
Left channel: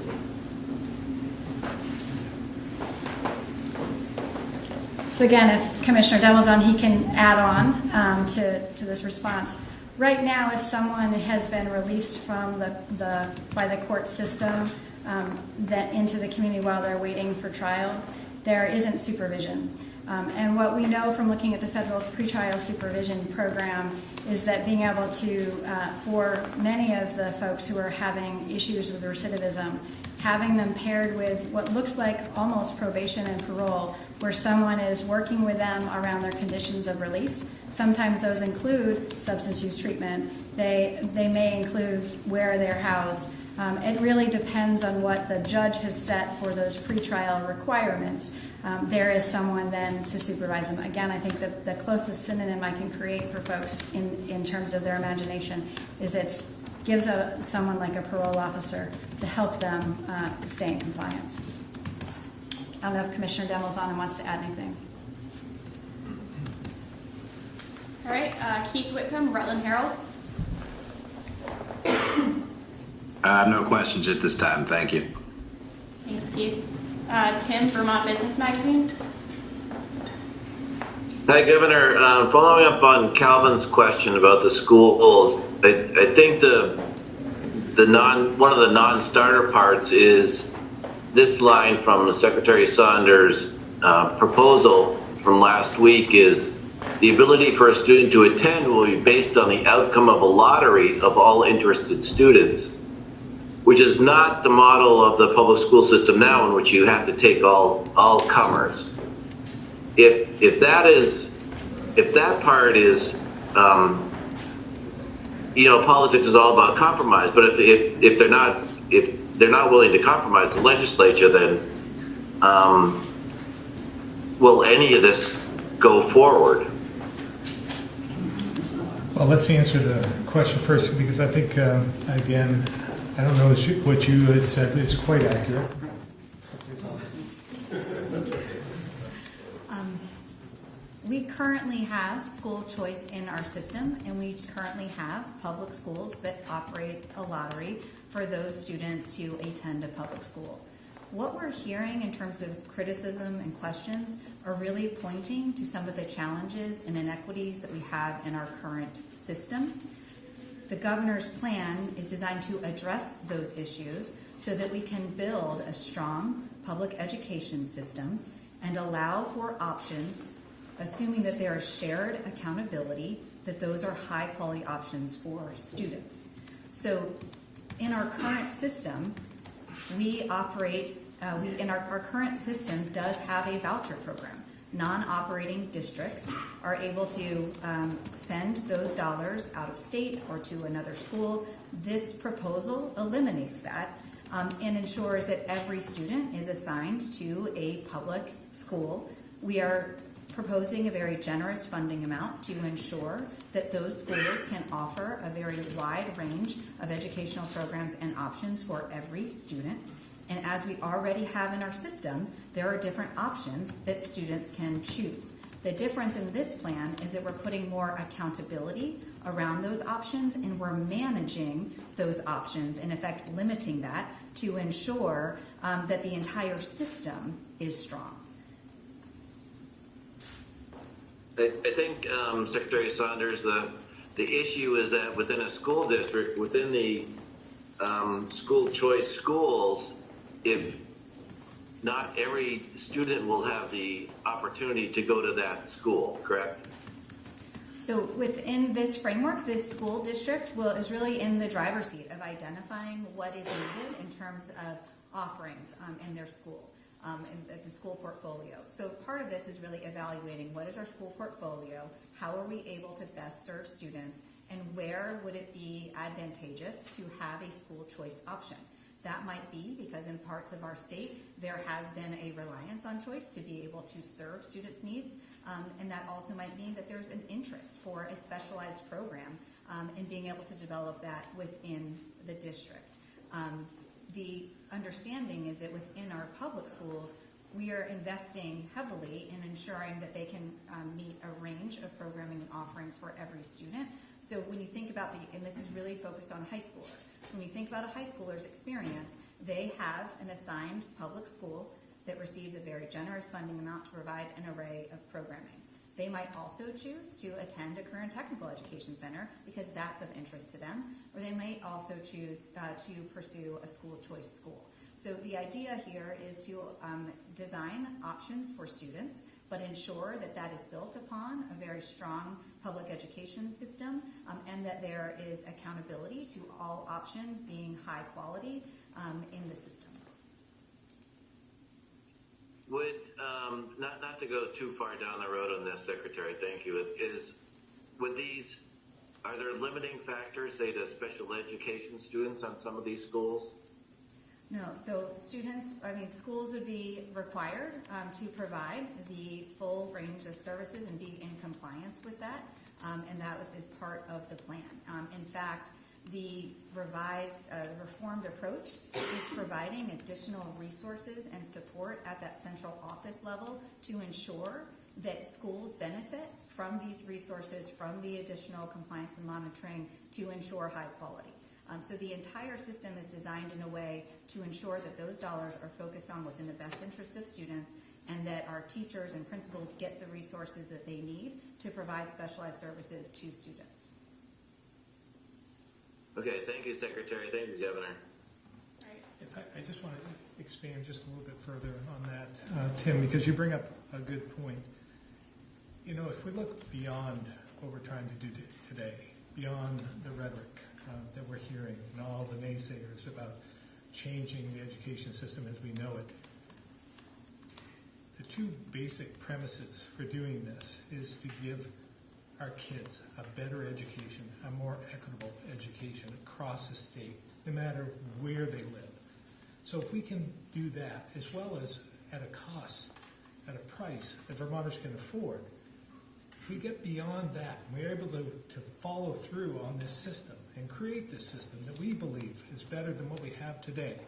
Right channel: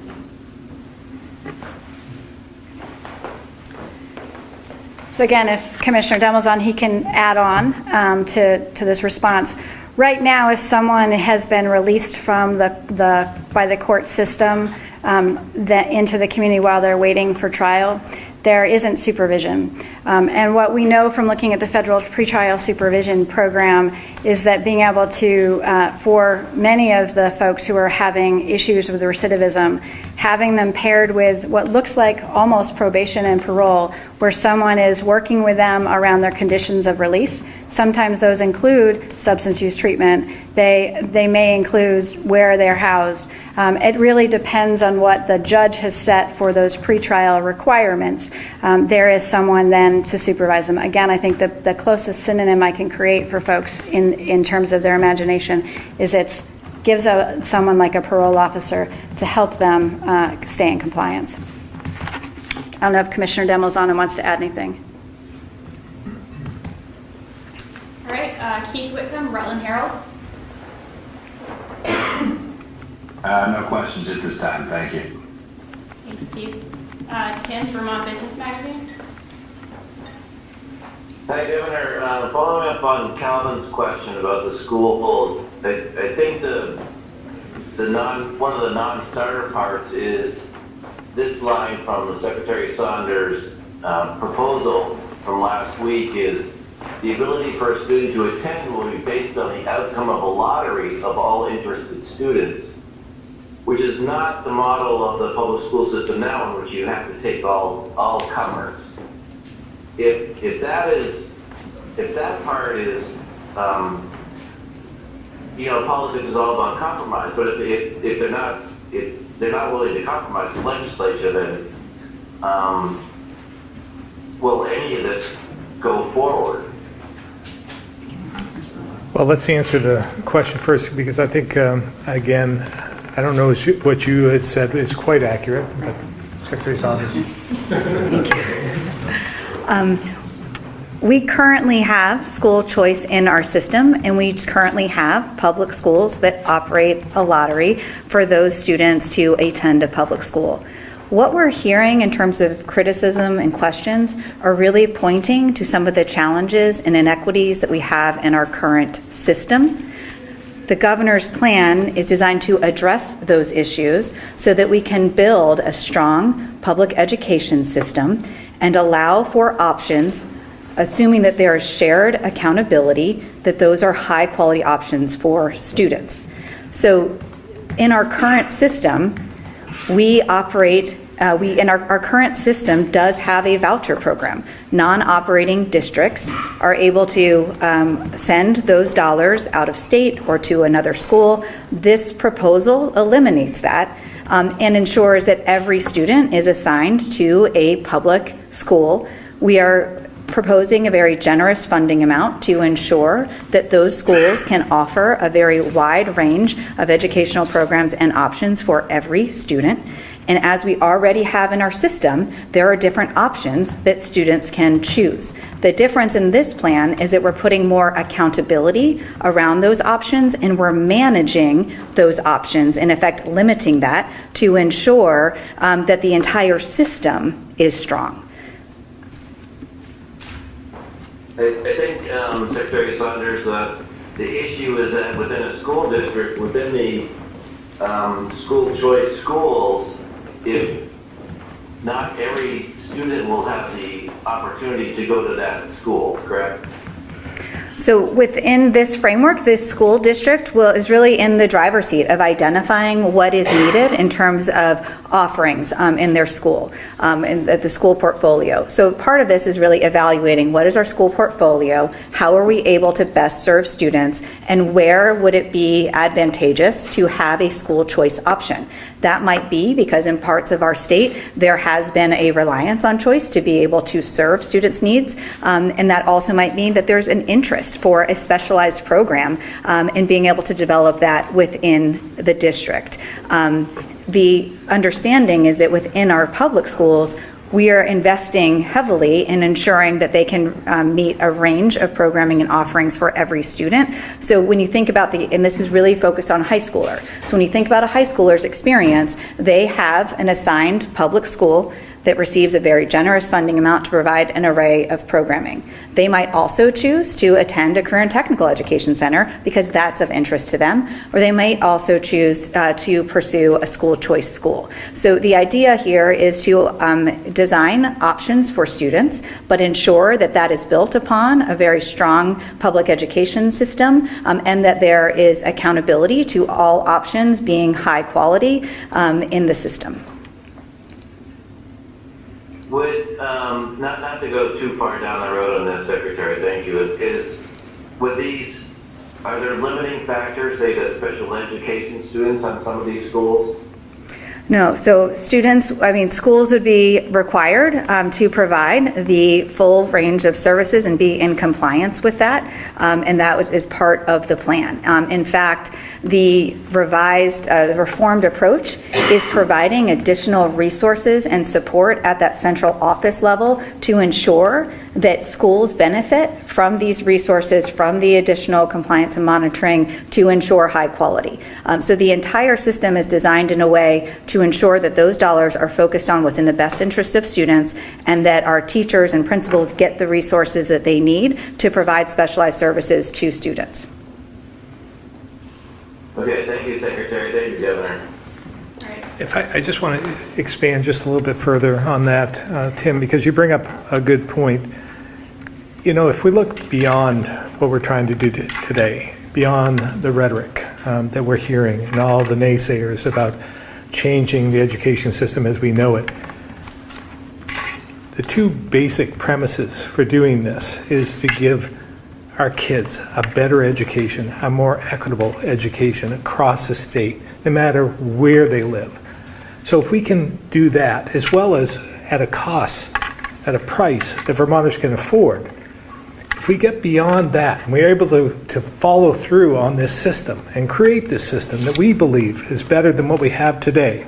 So again, if Commissioner Demmel's on, he can add on to this response. Right now, if someone has been released from by the court system into the community while they're waiting for trial, there isn't supervision. And what we know from looking at the federal pretrial supervision program is that being able to, for many of the folks who are having issues with recidivism, having them paired with what looks like almost probation and parole, where someone is working with them around their conditions of release. Sometimes those include substance use treatment. They may include where they're housed. It really depends on what the judge has set for those pretrial requirements. There is someone then to supervise them. Again, I think the closest synonym I can create for folks in terms of their imagination is gives someone like a parole officer to help them stay in compliance. I don't know if Commissioner Demmel's on and wants to add anything. All right, Keith Whitcomb, Rutland Herald. No questions at this time. Thank you. Thanks, Keith. Tim, Vermont Business Magazine. Hi, Governor. Following up on Calvin's question about the schools, I think one of the non-starter parts is this line from the Secretary Saunders' proposal from last week is the ability for a student to attend will be based on the outcome of a lottery of all interested students, which is not the model of the public school system now, in which you have to take all comers. If that part is, politics is all about compromise. But if they're not willing to compromise the legislature, then will any of this go forward? Well, let's answer the question first, because I think, again, I don't know what you had said is quite accurate, but Secretary Saunders. We currently have school choice in our system, and we currently have public schools that operate a lottery for those students to attend a public school. What we're hearing in terms of criticism and questions are really pointing to some of the challenges and inequities that we have in our current system. The governor's plan is designed to address those issues so that we can build a strong public education system and allow for options, assuming that there is shared accountability, that those are high quality options for students. So in our current system, our current system does have a voucher program. Non-operating districts are able to send those dollars out of state or to another school. This proposal eliminates that and ensures that every student is assigned to a public school. We are proposing a very generous funding amount to ensure that those schools can offer a very wide range of educational programs and options for every student. And as we already have in our system, there are different options that students can choose. The difference in this plan is that we're putting more accountability around those options, and we're managing those options, in effect limiting that to ensure that the entire system is strong. I think, Secretary Saunders, the issue is that within a school district, within the school choice schools, if not every student will have the opportunity to go to that school, correct? So within this framework, this school district is really in the driver's seat of identifying what is needed in terms of offerings in their school, at the school portfolio. So part of this is really evaluating what is our school portfolio, how are we able to best serve students, and where would it be advantageous to have a school choice option. That might be because in parts of our state, there has been a reliance on choice to be able to serve students' needs, and that also might mean that there's an interest for a specialized program in being able to develop that within the district. The understanding is that within our public schools, we are investing heavily in ensuring that they can meet a range of programming and offerings for every student. So when you think about and this is really focused on high schooler. So when you think about a high schooler's experience, they have an assigned public school that receives a very generous funding amount to provide an array of programming. They might also choose to attend a career and technical education center because that's of interest to them, or they might also choose to pursue a school choice school. So the idea here is to design options for students, but ensure that that is built upon a very strong public education system, and that there is accountability to all options being high quality in the system. Would, not to go too far down the road on this, Secretary, thank you, are there limiting factors, say, to special education students on some of these schools? No, so schools would be required to provide the full range of services and be in compliance with that, and that is part of the plan. In fact, the reformed approach is providing additional resources and support at that central office level to ensure that schools benefit from these resources, from the additional compliance and monitoring to ensure high quality. So the entire system is designed in a way to ensure that those dollars are focused on what's in the best interest of students, and that our teachers and principals get the resources that they need to provide specialized services to students. Okay, thank you, Secretary. Thank you, Governor. If I just want to expand just a little bit further on that, Tim, because you bring up a good point. You know, if we look beyond what we're trying to do today, beyond the rhetoric that we're hearing and all the naysayers about changing the education system as we know it, the two basic premises for doing this is to give our kids a better education, a more equitable education across the state, no matter where they live. So if we can do that, as well as at a cost, at a price that Vermonters can afford, if we get beyond that and we're able to follow through on this system and create this system that we believe is better than what we have today,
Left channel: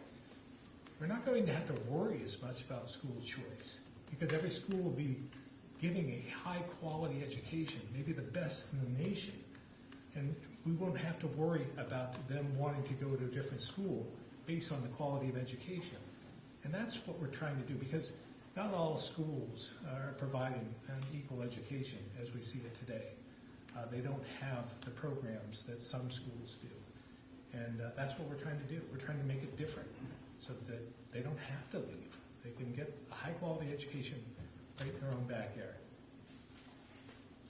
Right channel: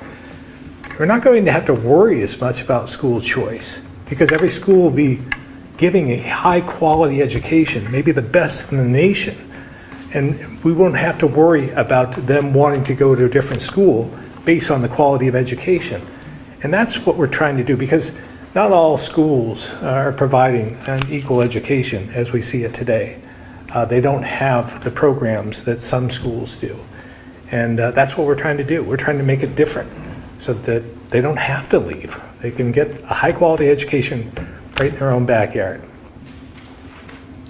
we're not going to have to worry as much about school choice, because every school will be giving a high quality education, maybe the best in the nation. And we won't have to worry about them wanting to go to a different school based on the quality of education. And that's what we're trying to do, because not all schools are providing an equal education as we see it today. They don't have the programs that some schools do. And that's what we're trying to do. We're trying to make it different so that they don't have to leave. They can get a high quality education right in their own backyard.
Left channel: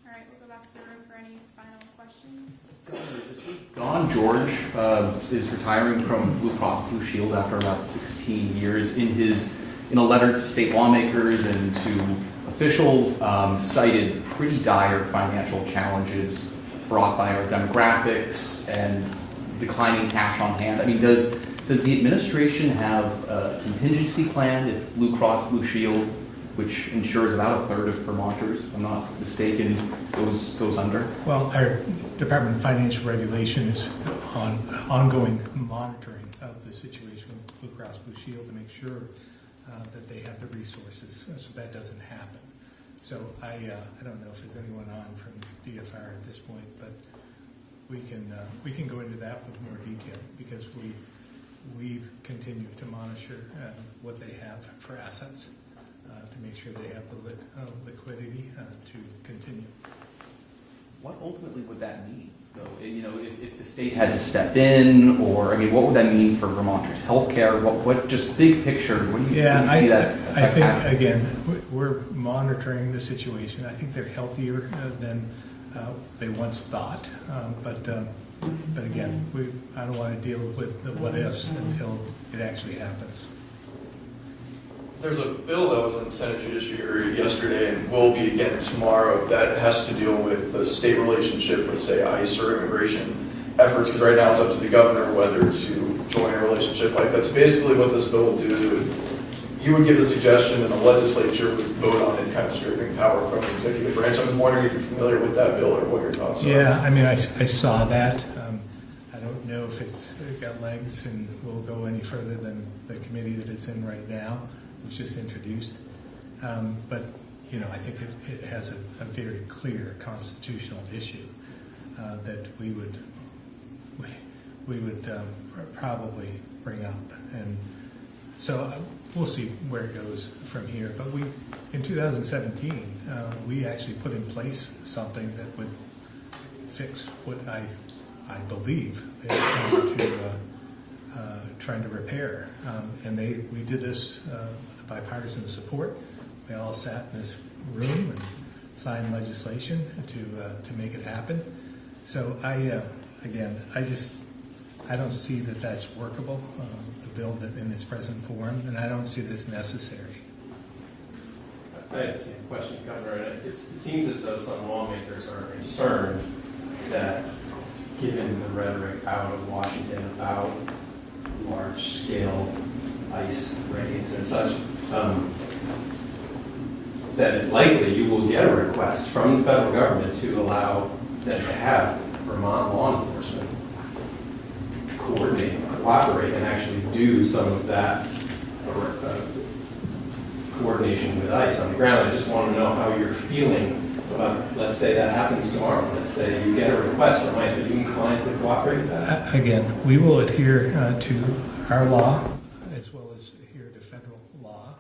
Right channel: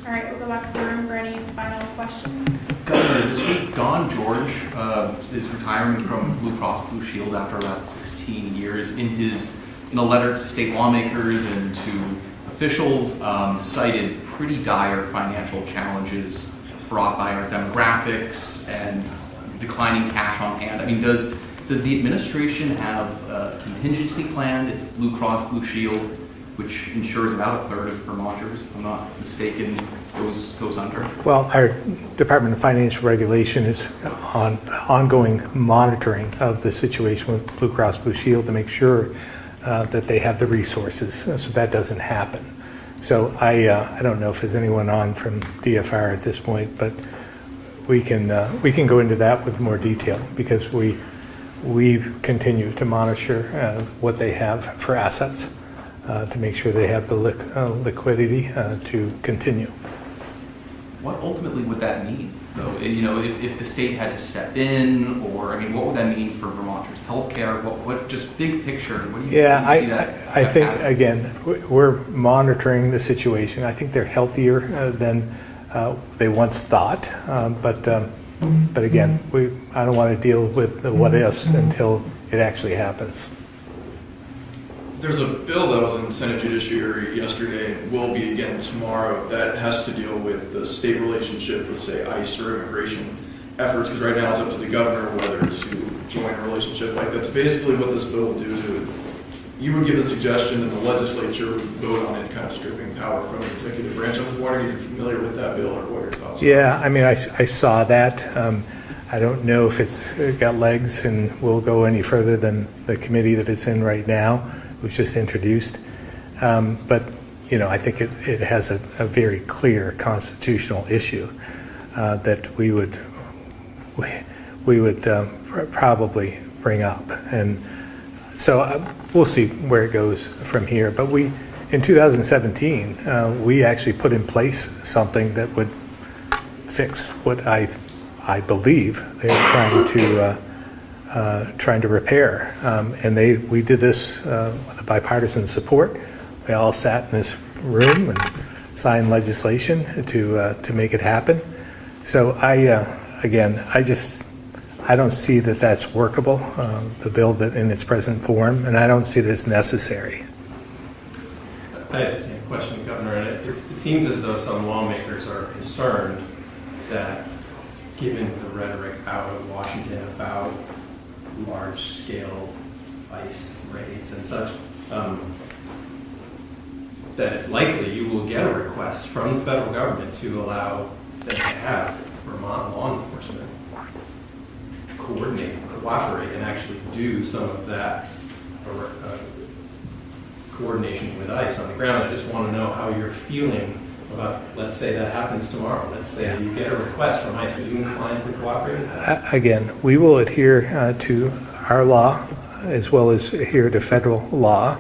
All right, we'll go back to the room for any final questions. Governor, this week, Don George is retiring from Blue Cross Blue Shield after about 16 years. In a letter to state lawmakers and to officials, cited pretty dire financial challenges brought by our demographics and declining cash on hand. I mean, does the administration have a contingency plan if Blue Cross Blue Shield which ensures about a third of Vermonters, if I'm not mistaken, goes under. Well, our Department of Financial Regulation is on ongoing monitoring of the situation with Blue Cross Blue Shield to make sure that they have the resources so that doesn't happen. So I don't know if there's anyone on from DFR at this point, but we can go into that with more detail because we continue to monitor what they have for assets to make sure they have the liquidity to continue. What ultimately would that mean, though? You know, if the state had to step in, or I mean, what would that mean for Vermonters? Healthcare? What just big picture? What do you, see that? I think again, we're monitoring the situation. I think they're healthier than they once thought, but again, I don't want to deal with the what ifs until it actually happens. There's a bill that was in the Senate Judiciary yesterday and will be again tomorrow that has to deal with the state relationship with, say, ICE or immigration efforts, because right now it's up to the governor whether to join a relationship like that. So basically what this bill will do, you would give the suggestion and the legislature would vote on it, kind of stripping power from the executive branch. I'm just wondering if you're familiar with that bill or what your thoughts are. Yeah, I mean, I saw that. I don't know if it's got legs and will go any further than the committee that it's in right now. It was just introduced. But, you know, I think it has a very clear constitutional issue that we would probably bring up. And so we'll see where it goes from here. But in 2017, we actually put in place something that would fix what I believe they're trying to repair. And we did this with bipartisan support. We all sat in this room and signed legislation to make it happen. So I don't see that that's workable, the bill that in its present form, and I don't see that it's necessary. I have the same question, Governor, and it seems as though some lawmakers are concerned that given the rhetoric out of Washington about large-scale ICE raids and such, that it's likely you will get a request from the federal government to allow them to have Vermont law enforcement coordinate, cooperate, and actually do some of that coordination with ICE on the ground. I just want to know how you're feeling about, let's say that happens tomorrow. Let's say you get a request from ICE. Would you inclined to cooperate with that? Again, we will adhere to our law as well as adhere to federal law.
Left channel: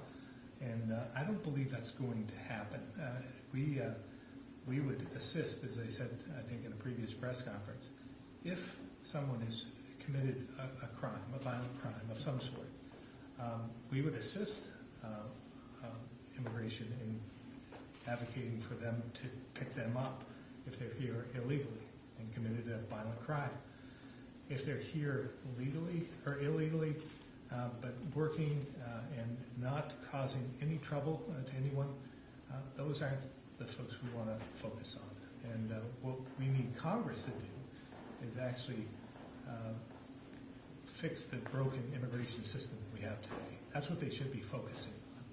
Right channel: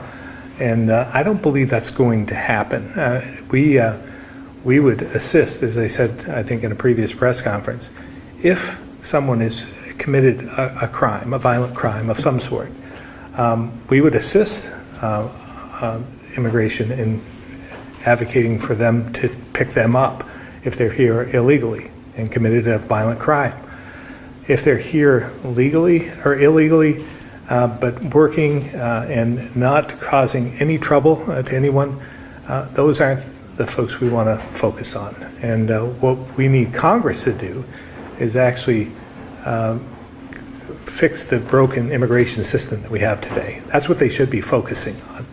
And I don't believe that's going to happen. We would assist, as I said, I think in a previous press conference, if someone is committed a crime, a violent crime of some sort, we would assist immigration in advocating for them to pick them up if they're here illegally and committed a violent crime. If they're here legally or illegally, but working and not causing any trouble to anyone, those aren't the folks we want to focus on. And what we need Congress to do is actually fix the broken immigration system that we have today. That's what they should be focusing on.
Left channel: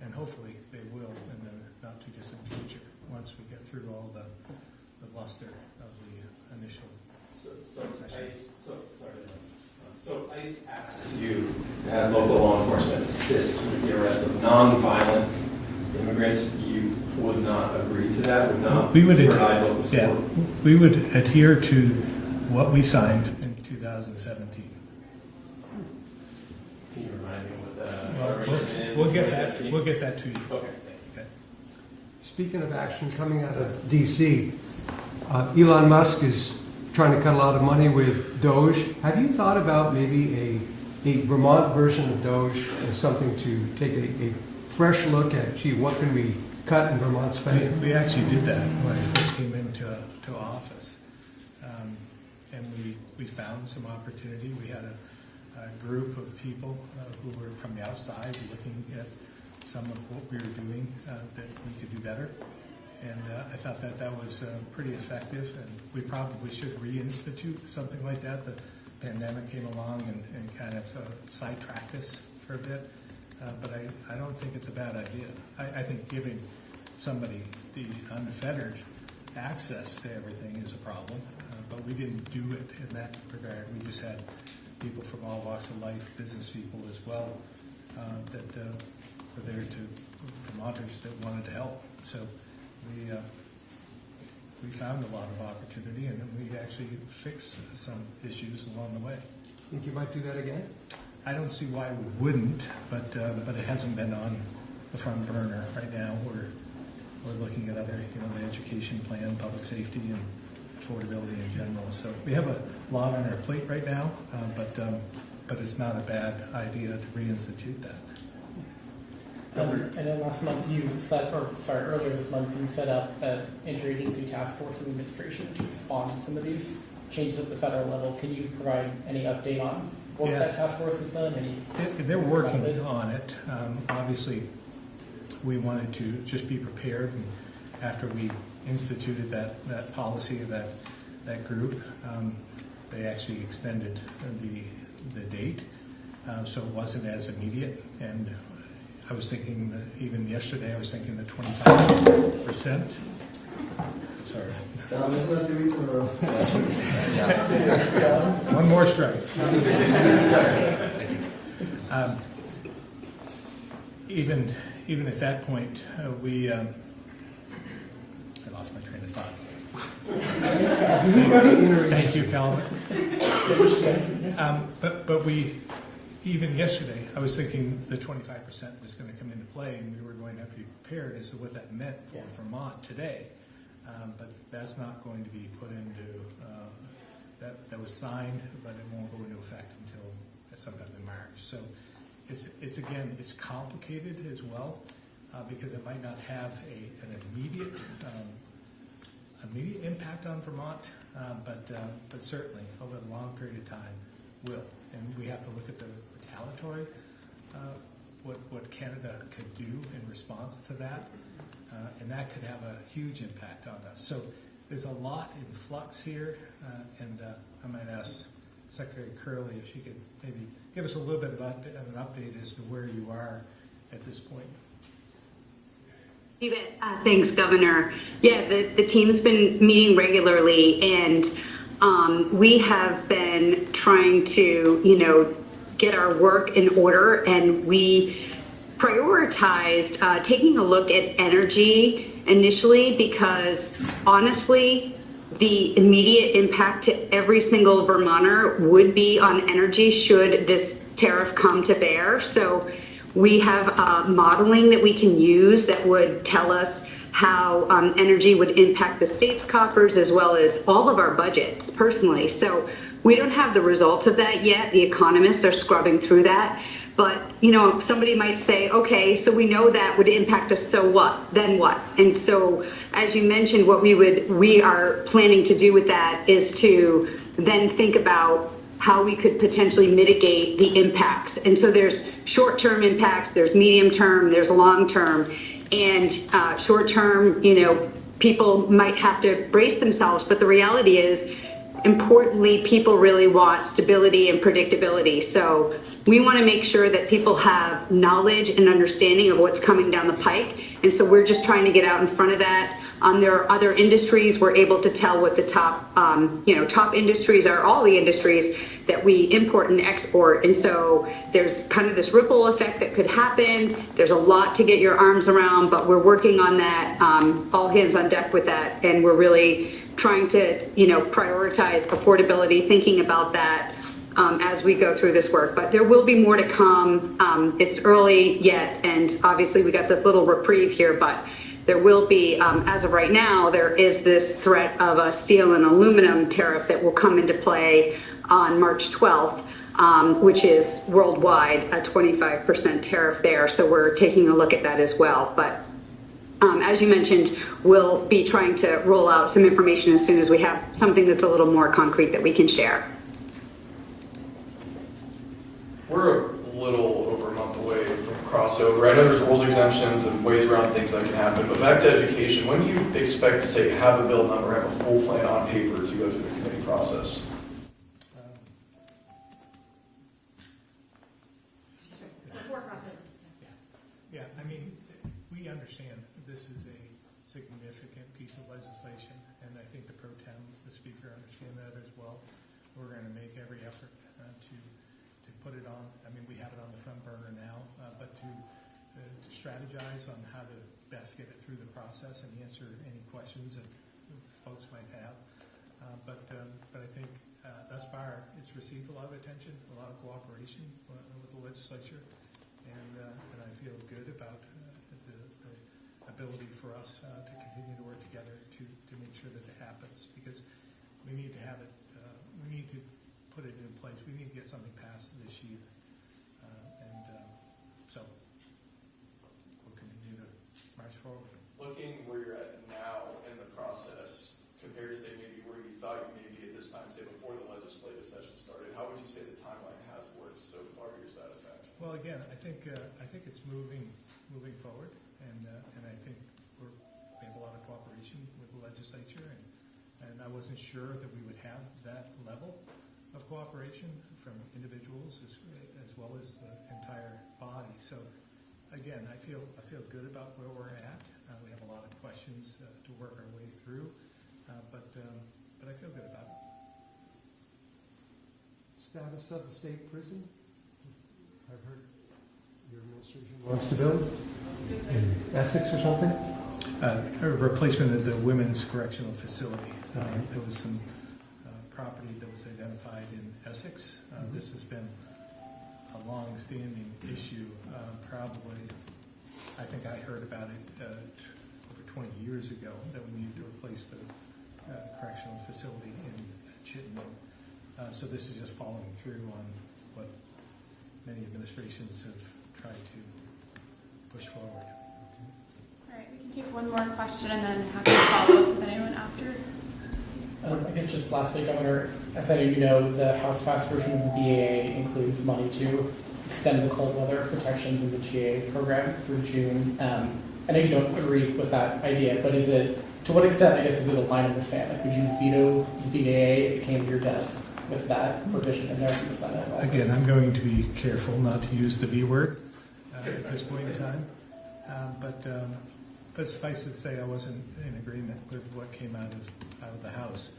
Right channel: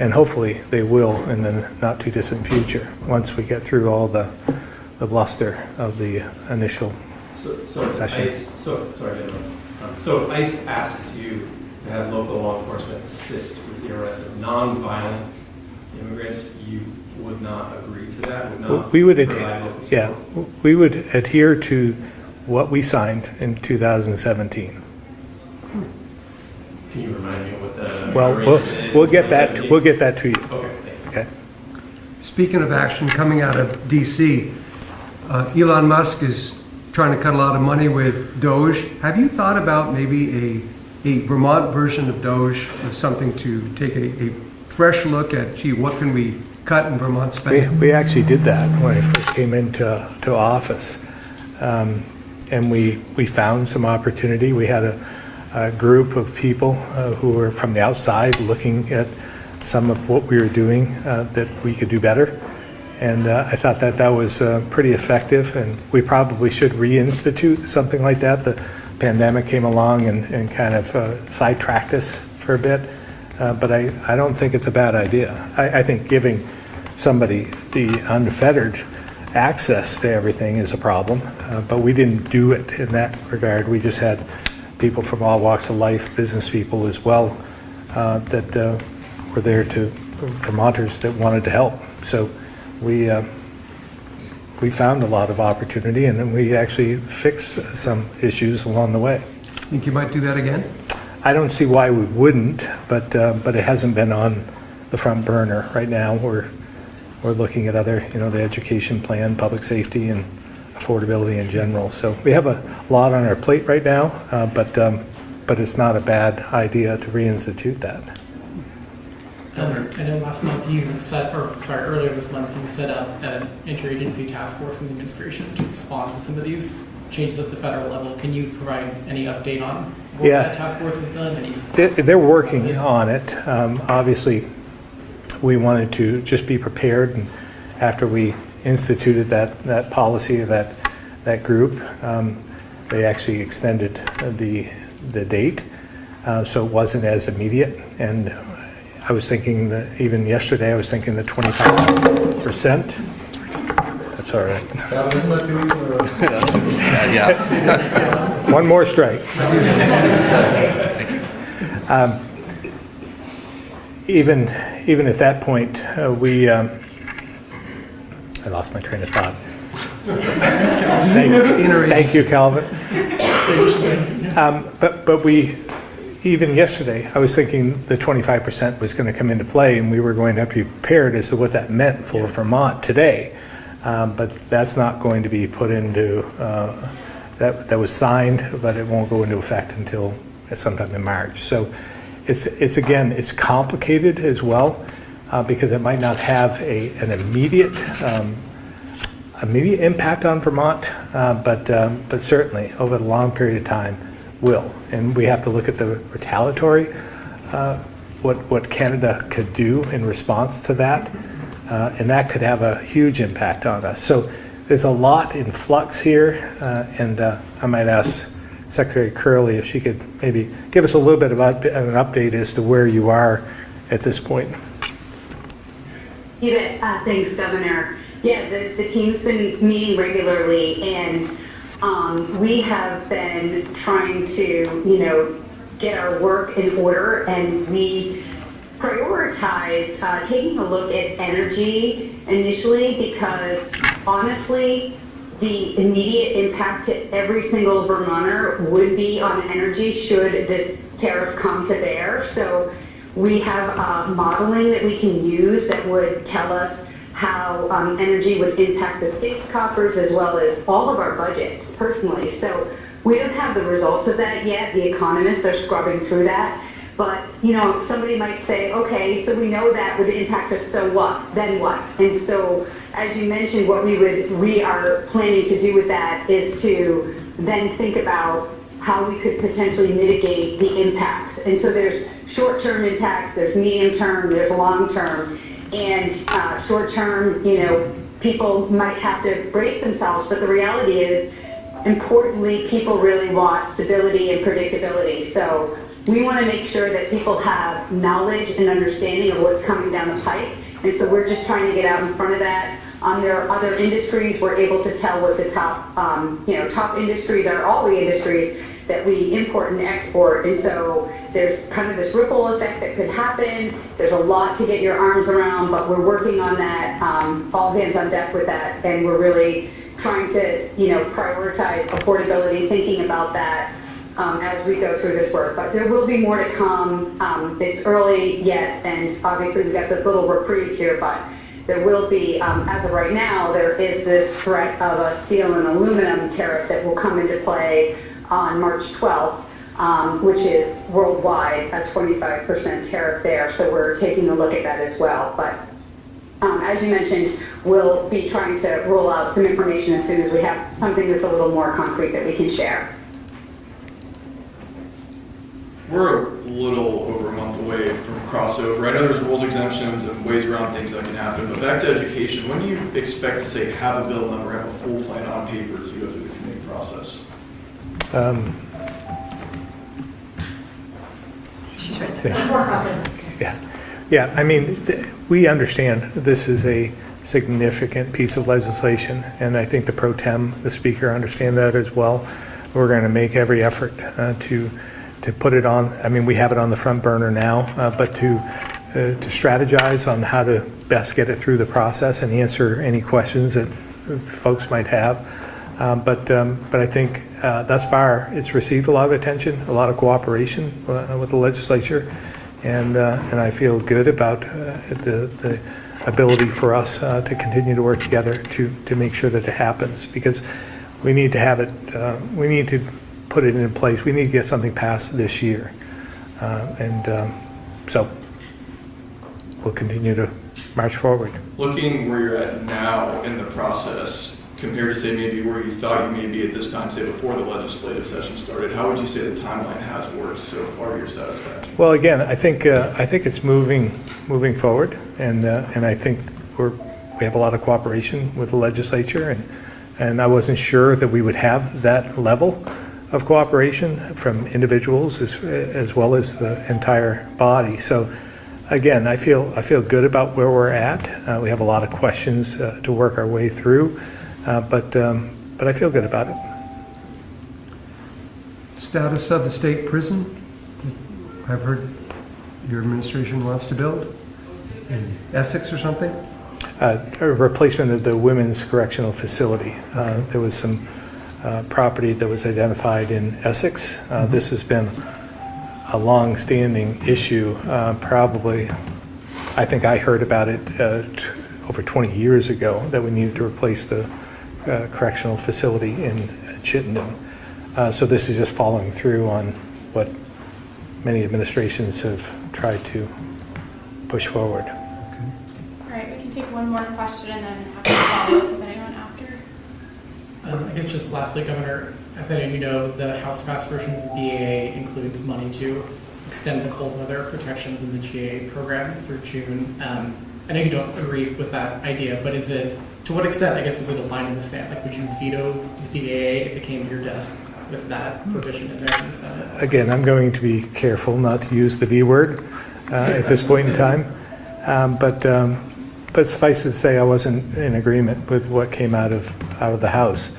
And hopefully they will in the not too distant future once we get through all the bluster of the initial session. So if ICE asks you to have local law enforcement assist with the arrest of non-violent immigrants, you would not agree to that? Would not we would provide local support? Yeah, we would adhere to what we signed in 2017. Can you remind me of what the Well, we'll get that to you. Okay. Speaking of action coming out of DC, Elon Musk is trying to cut a lot of money with Doge. Have you thought about maybe a Vermont version of Doge, or something to take a fresh look at, gee, what can we cut in Vermont spending? We actually did that when I first came into office. And we found some opportunity. We had a group of people who were from the outside looking at some of what we were doing that we could do better. And I thought that was pretty effective, and we probably should reinstitute something like that. The pandemic came along and kind of sidetracked us for a bit. but I don't think it's a bad idea. I think giving somebody the unfettered access to everything is a problem, but we didn't do it in that regard. We just had people from all walks of life, business people as well, that were there to, Vermonters that wanted to help. So we found a lot of opportunity, and then we actually fixed some issues along the way. Think you might do that again? I don't see why we wouldn't, but it hasn't been on the front burner right now. We're looking at other, the education plan, public safety, and affordability in general. So we have a lot on our plate right now, but it's not a bad idea to reinstitute that. Governor, I know last month earlier this month you set up an interagency task force in the administration to respond to some of these changes at the federal level. Can you provide any update on what that task force has done? They're working on it. Obviously, we wanted to just be prepared, and after we instituted that policy, that group, they actually extended the date, so it wasn't as immediate. And I was thinking that even yesterday, I was thinking the 25%. That's all right. Yeah. One more strike. Even at that point, I lost my train of thought. Thank you, Calvin. But we, even yesterday, I was thinking the 25% was going to come into play, and we were going to have to be prepared as to what that meant for Vermont today. But that's not going to be put into, that was signed, but it won't go into effect until sometime in March. So it's complicated as well, because it might not have an immediate impact on Vermont, but certainly over the long period of time will. And we have to look at the retaliatory, what Canada could do in response to that, and that could have a huge impact on us. So there's a lot in flux here, and I might ask Secretary Curley if she could maybe give us a little bit about an update as to where you are at this point. Thanks, Governor. Yeah, the team's been meeting regularly, and we have been trying to, get our work in order, and we prioritized taking a look at energy initially because, honestly, the immediate impact to every single Vermonter would be on energy should this tariff come to bear. So we have modeling that we can use that would tell us how energy would impact the state's coffers as well as all of our budgets personally. So we don't have the results of that yet. The economists are scrubbing through that. But, somebody might say, okay, so we know that would impact us, so what? Then what? And so, as you mentioned, what we are planning to do with that is to then think about how we could potentially mitigate the impacts. And so there's short-term impacts, there's medium-term, there's long-term. And short-term, people might have to brace themselves, but the reality is, importantly, people really want stability and predictability. So we want to make sure that people have knowledge and understanding of what's coming down the pike. And so we're just trying to get out in front of that. There are other industries. We're able to tell what the top industries are, all the industries that we import and export. And so there's kind of this ripple effect that could happen. There's a lot to get your arms around, but we're working on that, all hands on deck with that. And we're really trying to, prioritize affordability, thinking about that as we go through this work. But there will be more to come. It's early yet, and obviously we got this little reprieve here, but there will be, as of right now, there is this threat of a steel and aluminum tariff that will come into play on March 12th, which is worldwide a 25% tariff there. So we're taking a look at that as well. But as you mentioned, we'll be trying to roll out some information as soon as we have something that's a little more concrete that we can share. We're a little over a month away from crossover. I know there's rules exemptions and ways around things that can happen, but back to education, when do you expect to say have a bill done or have a full plan on paper to go through the committee process? She's right there. Yeah, I mean, we understand this is a significant piece of legislation, and I think the pro tem, the speaker, understand that as well. We're going to make every effort to put it on. I mean, we have it on the front burner now, but to strategize on how to best get it through the process and answer any questions that folks might have. But I think thus far it's received a lot of attention, a lot of cooperation with the legislature, and I feel good about the ability for us to continue to work together to make sure that it happens, because we need to have it, we need to put it in place. We need to get something passed this year. So we'll continue to march forward. Looking where you're at now in the process, compared to say maybe where you thought you may be at this time, say before the legislative session started, how would you say the timeline has worked so far to your satisfaction? Well, again, I think it's moving forward, and I think we have a lot of cooperation with the legislature, and I wasn't sure that we would have that level of cooperation from individuals as well as the entire body. So again, I feel good about where we're at. We have a lot of questions to work our way through, but I feel good about it. Status of the state prison? I've heard your administration wants to build in Essex or something? A replacement of the women's correctional facility. There was some property that was identified in Essex. This has been a long-standing issue, probably. I think I heard about it over 20 years ago, that we needed to replace the correctional facility in Chittenden. So this is just following through on what many administrations have tried to push forward. All right, we can take one more question and then have a follow-up with anyone after. I guess just lastly, Governor, as I know you know, the House passed version of the BAA includes money to extend the cold weather protections in the GA program through June. I know you don't agree with that idea, but is it, to what extent, I guess, is it a line in the sand? Like, would you veto the BAA if it came to your desk with that provision in there in the Senate? Again, I'm going to be careful not to use the V word at this point in time, but suffice it to say, I wasn't in agreement with what came out of the House,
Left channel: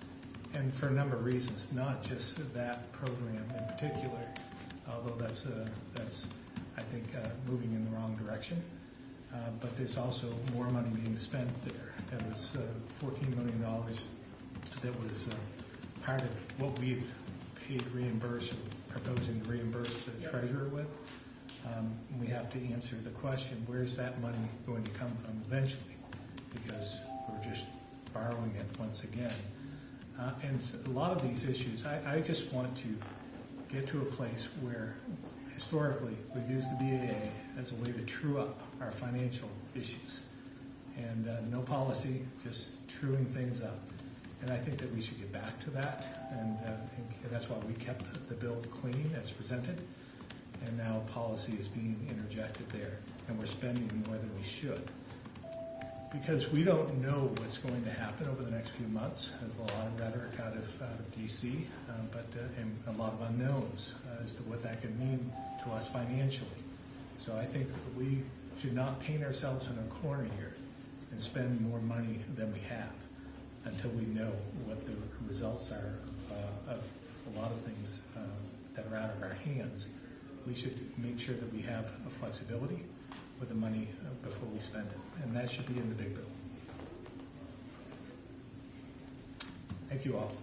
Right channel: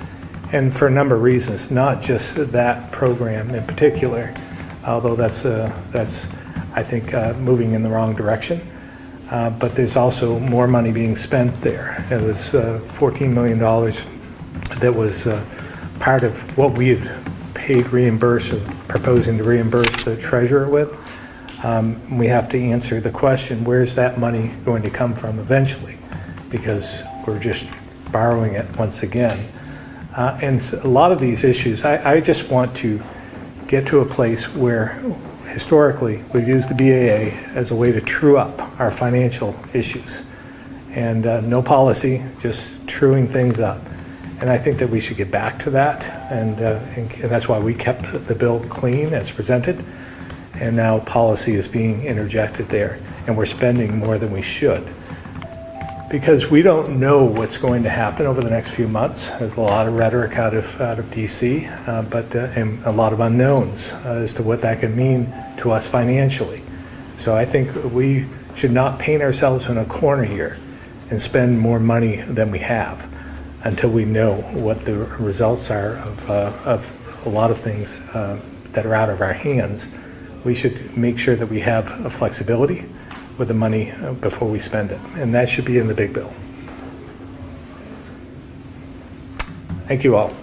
and for a number of reasons, not just that program in particular, although that's I think moving in the wrong direction. But there's also more money being spent there. It was $14 million that was part of what we had paid proposing to reimburse the treasurer with. We have to answer the question, where's that money going to come from eventually? Because we're just borrowing it once again. And a lot of these issues, I just want to get to a place where historically we've used the BAA as a way to true up our financial issues. And no policy, just truing things up. And I think that we should get back to that, and that's why we kept the bill clean as presented. And now policy is being interjected there, and we're spending more than we should. Because we don't know what's going to happen over the next few months. There's a lot of rhetoric out of DC, and a lot of unknowns as to what that can mean to us financially. So I think we should not paint ourselves in a corner here and spend more money than we have until we know what the results are of a lot of things that are out of our hands. We should make sure that we have a flexibility with the money before we spend it, and that should be in the big bill. Thank you all.